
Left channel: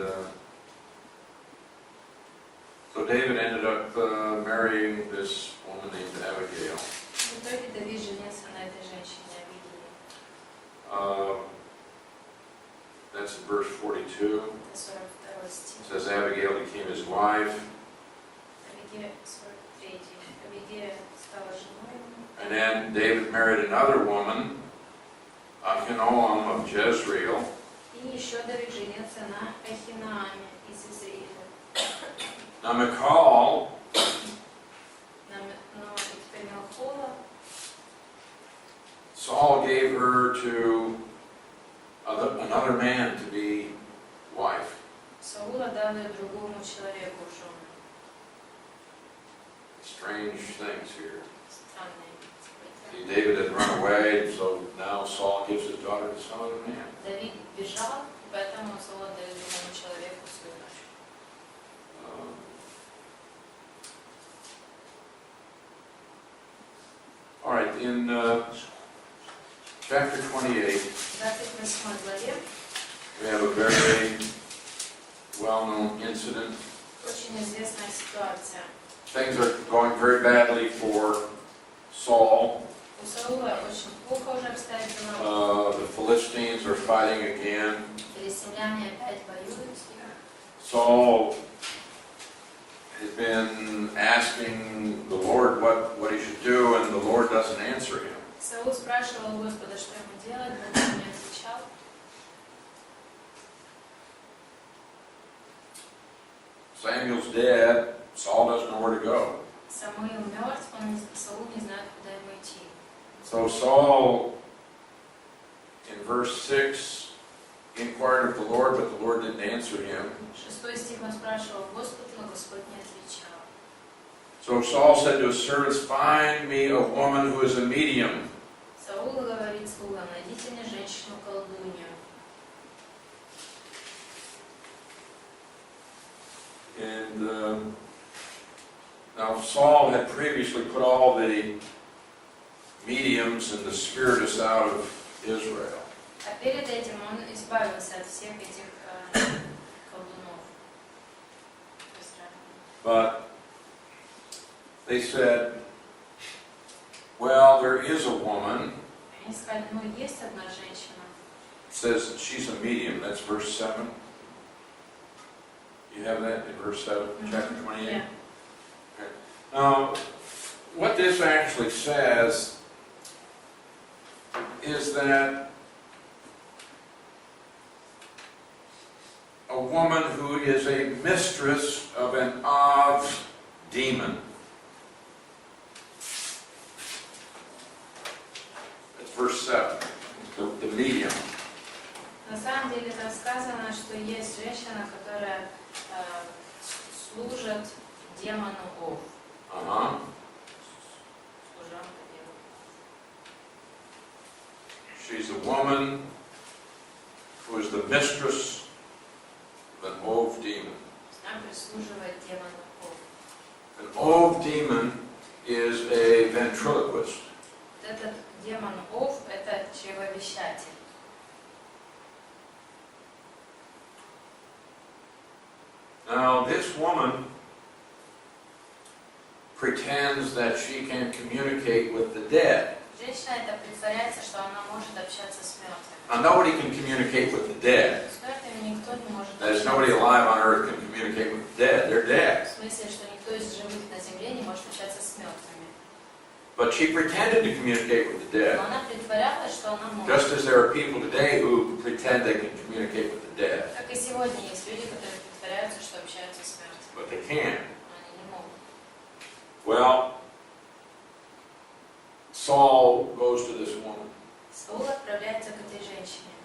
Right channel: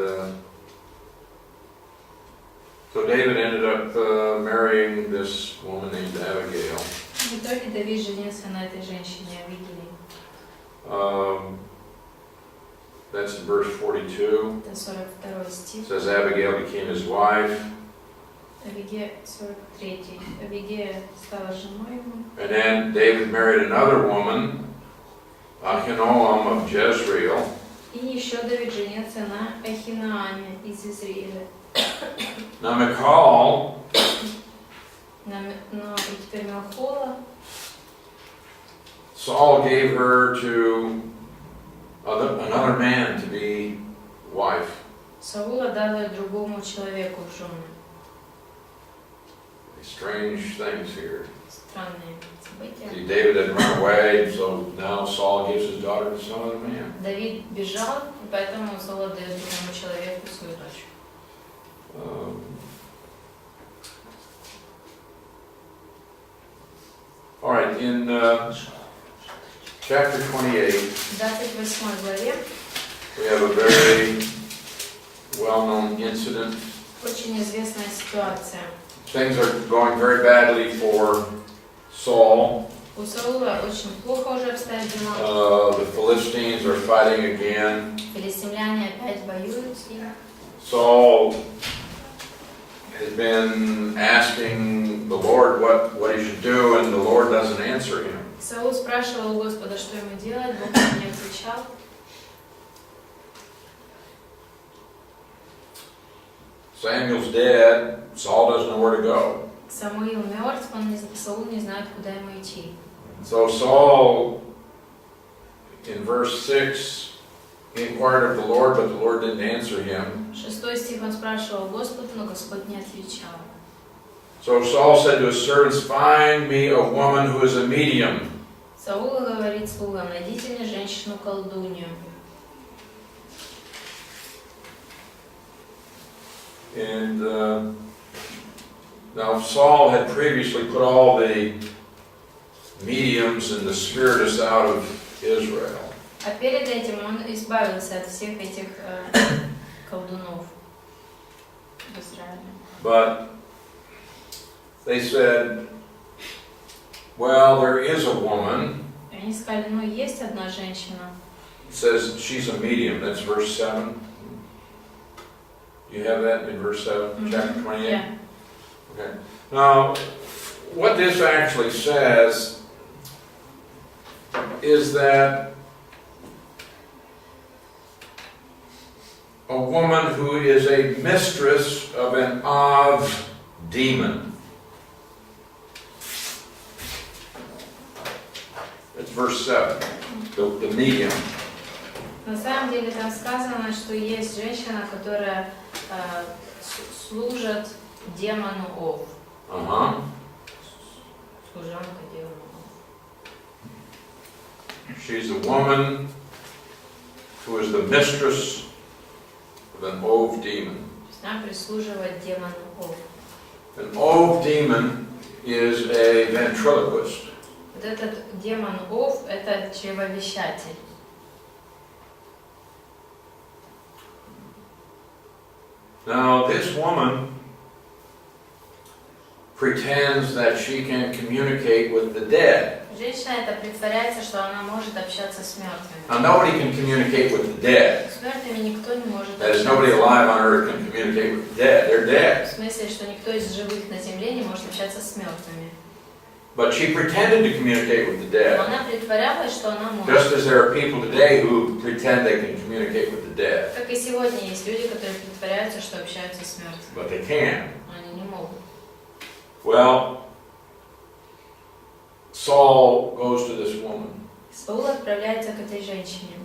so David ended up marrying this woman named Abigail. В итоге Давид женился на этой женщине Авигеи. That's in verse 42. Это 42 стих. It says Abigail became his wife. Авигея 43. Авигея стала женой ему. And then David married another woman, Ahinoam of Jezreel. И еще Давид женился на Ахинааме из Израиля. Now Michal, Но и теперь Мелхола. Saul gave her to another man to be wife. Саул отдал ее другому человеку в жены. Strange things here. Странные события. See, David had run away, so now Saul gives his daughter to some other man. Давид бежал, и поэтому Саул отдает другому человеку свою дочь. All right, in chapter 28, В 28 главе we have a very well-known incident. очень известная ситуация. Things are going very badly for Saul. У Саула очень плохо уже обстоят дела. The Philistines are fighting again. Филистимляне опять воюют с ним. Saul has been asking the Lord what he should do, and the Lord doesn't answer him. Саул спрашивал у Господа, что ему делать, Бог ему не отвечал. Samuel's dead. Saul doesn't know where to go. Самуил мертв, Саул не знает, куда ему идти. So Saul, in verse 6, he inquired of the Lord, but the Lord didn't answer him. 6 стих он спрашивал Господа, но Господь не отвечал. So Saul said to his servants, "Find me a woman who is a medium." Саул говорит слугам: найдите мне женщину-колдунью. And now Saul had previously put all the mediums and the spiritists out of Israel. А перед этим он избавился от всех этих колдунов в Израиле. But they said, well, there is a woman. Они сказали, ну есть одна женщина. It says she's a medium. That's verse 7. You have that in verse 7, chapter 28? Yeah. Okay. Now, what this actually says is that a woman who is a mistress of an Av demon. It's verse 7, the medium. На самом деле там сказано, что есть женщина, которая служит демону Ов. Служанка демону Ов. She's a woman who is the mistress of an Ov demon. Она прислуживает демону Ов. An Ov demon is a ventriloquist. Вот этот демон Ов – это чревовещатель. Now, this woman pretends that she can communicate with the dead. Женщина это притворяется, что она может общаться с мертвыми. Now, nobody can communicate with the dead. С мертвыми никто не может That is, общаться. nobody alive on earth can communicate with the dead. They're В dead. смысле, что никто из живых на земле не может общаться с мертвыми. But she pretended to communicate with the dead. Но она притворялась, что она может. Just as there are people today who pretend they can communicate with the dead. Как и сегодня есть люди, которые притворяются, что общаются с мертвыми. But they can. Но они не могут. Well, Saul goes to this woman. Саул отправляется к этой женщине.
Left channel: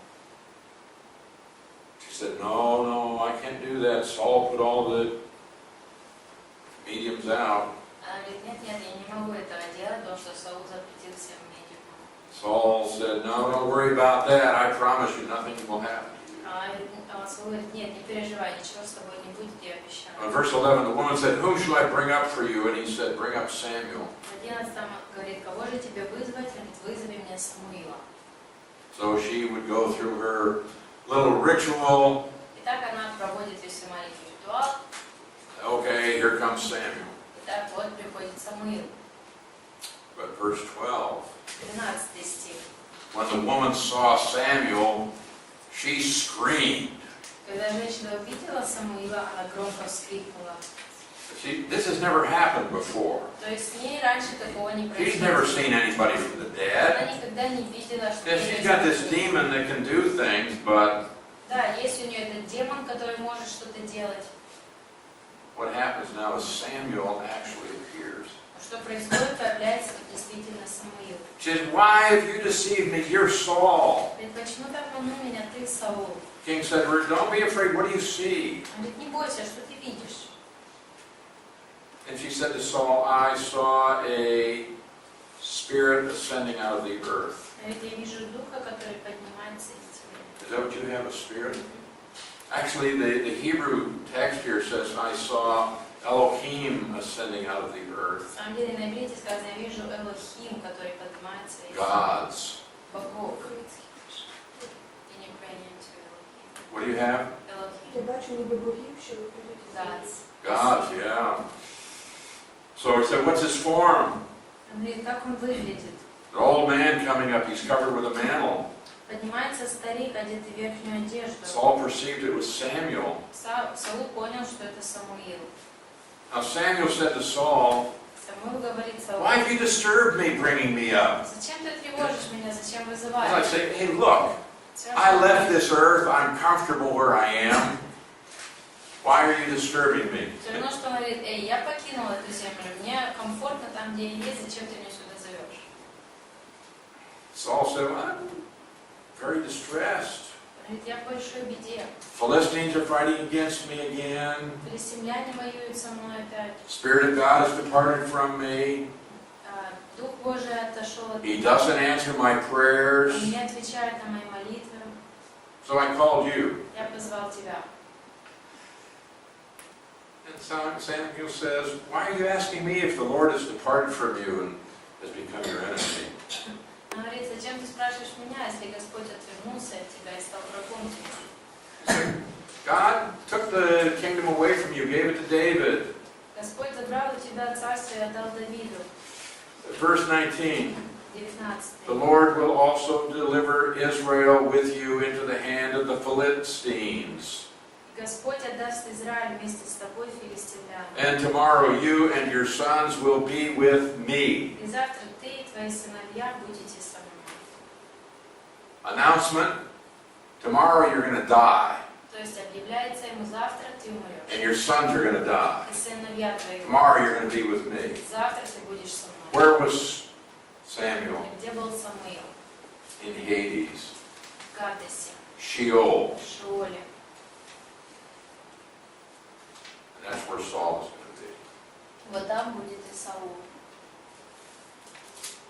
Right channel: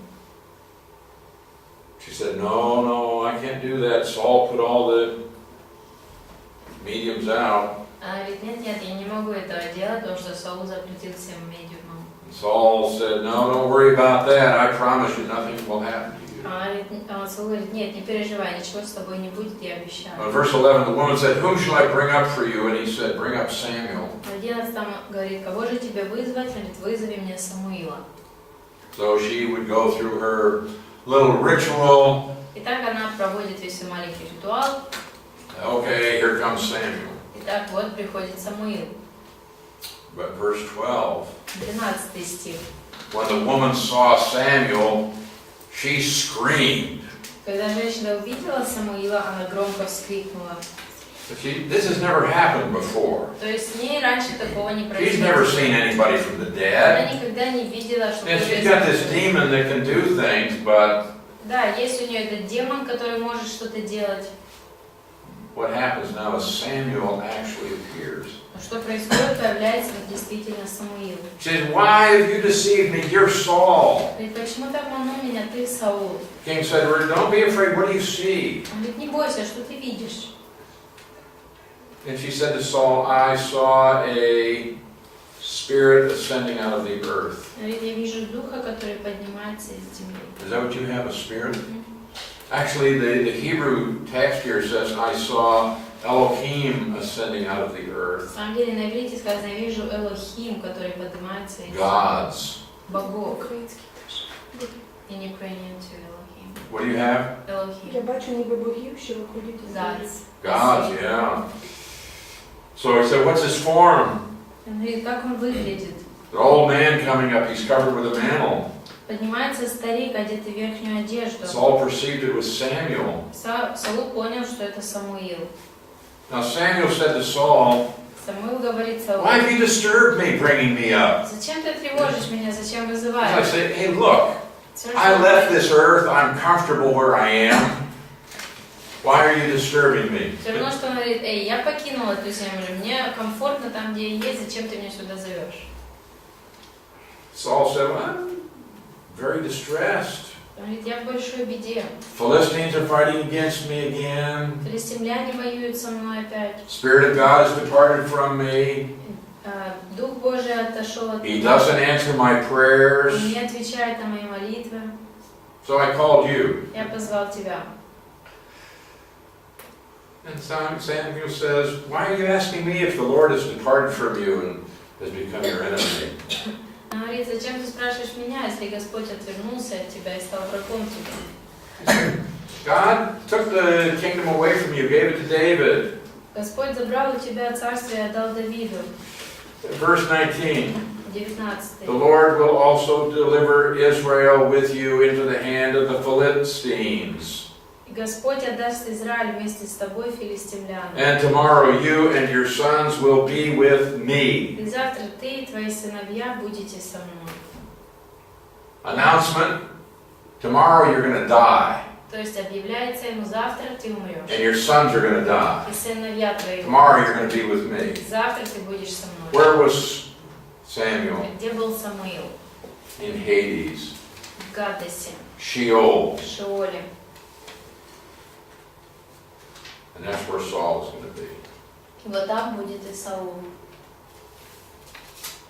She said, no, I can't do that. Saul put all the mediums out. Она говорит, нет, я не могу этого делать, потому что Саул запретил всем медиумам. Saul said, no, don't worry about that. I promise you nothing will happen to you. Саул говорит, нет, не переживай, ничего с тобой не будет, я обещаю. In verse 11, the woman said, whom shall I bring up for you? And he said, bring up Samuel. В 11 говорит, кого же тебе вызвать? Говорит, вызови мне Самуила. So she would go through her little ritual. Итак, она проводит весь свой маленький ритуал. Okay, here comes Samuel. Итак, вот приходит Самуил. But verse 12, 12 стих. when the woman saw Samuel, she screamed. Когда женщина увидела Самуила, она громко вскрикнула. This has never happened before. То есть с ней раньше такого не She's never произошло. seen anybody from the Она dead. никогда не видела, что And she's got this demon that can do things, but да, есть у нее этот демон, который может что-то делать. what happens now is Samuel actually appears. Что происходит, появляется действительно Самуил. He says, "Why have you deceived me? You're Saul." Говорит, почему ты обманул меня, ты Саул? King said, "Don't be afraid. What do you see?" Он говорит, не бойся, что ты видишь? And she said to Saul, "I saw a spirit ascending out of the earth." Говорит, я вижу духа, который поднимается из земли. Is that what you have, a spirit? Actually, the Hebrew text here says, "I saw Elohim ascending out of the earth." На самом деле на иврите сказано, я вижу Элохим, который поднимается из Gods. богов. In Ukrainian too, Elohim. What do you have? Elohim. Я бачу ніби богів, що виходять із Gods. Gods, yeah. So he said, "What's his form?" Он говорит, как он выглядит? The old man coming up, he's covered with a mantle. Поднимается старик, одетый в верхнюю одежду. Saul perceived it was Samuel. Саул понял, что это Самуил. Now Samuel said to Saul, Самуил говорит Саулу, "Why have you disturbed me, bringing me up?" зачем ты тревожишь меня, зачем He's like вызываешь? saying, "Hey, look, Всё, I что- left this earth. I'm comfortable where I am. Why are you disturbing me?" Все равно, что он говорит, эй, я покинул эту землю, мне комфортно там, где я есть, зачем ты меня сюда зовешь? Saul said, "Well, I'm very distressed. Он говорит, я в большой беде. Philistines are fighting against me again. Филистимляне воюют со мной опять. Spirit of God has departed from me. Дух Божий отошел от He меня. doesn't answer my prayers. Он не отвечает на мои молитвы. So I called you." Я позвал тебя. And Samuel says, "Why are you asking me if the Lord has departed from you and has become your enemy?" Он говорит, зачем ты спрашиваешь меня, если Господь отвернулся от тебя и стал врагом тебе? He said, "God took the kingdom away from you, gave it to David." Господь забрал у тебя царство и отдал Давиду. Verse 19. 19. The Lord will also deliver Israel with you into the hand of the Philistines. И Господь отдаст Израиль вместе с тобой филистимлянам. And tomorrow you and your sons will be with me. И завтра ты и твои сыновья будете со мной. Announcement. Tomorrow you're going to die. То есть объявляется ему, завтра ты умрешь. And your sons are going to die. И сыновья твои. Tomorrow you're going to be with me. Завтра ты будешь со мной. Where was Samuel? Где был Самуил? In Hades. В Гадесе, Sheol. в Шеоле. And that's where Saul is going to be. И вот там будет и Саул.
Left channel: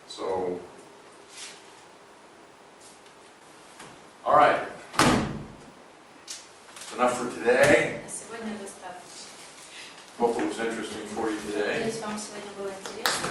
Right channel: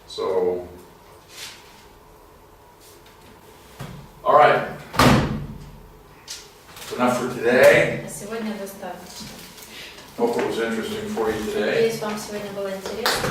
So, all right. That's enough for today. А сегодня достаточно. Hope it was interesting for you today. Надеюсь, вам сегодня было интересно.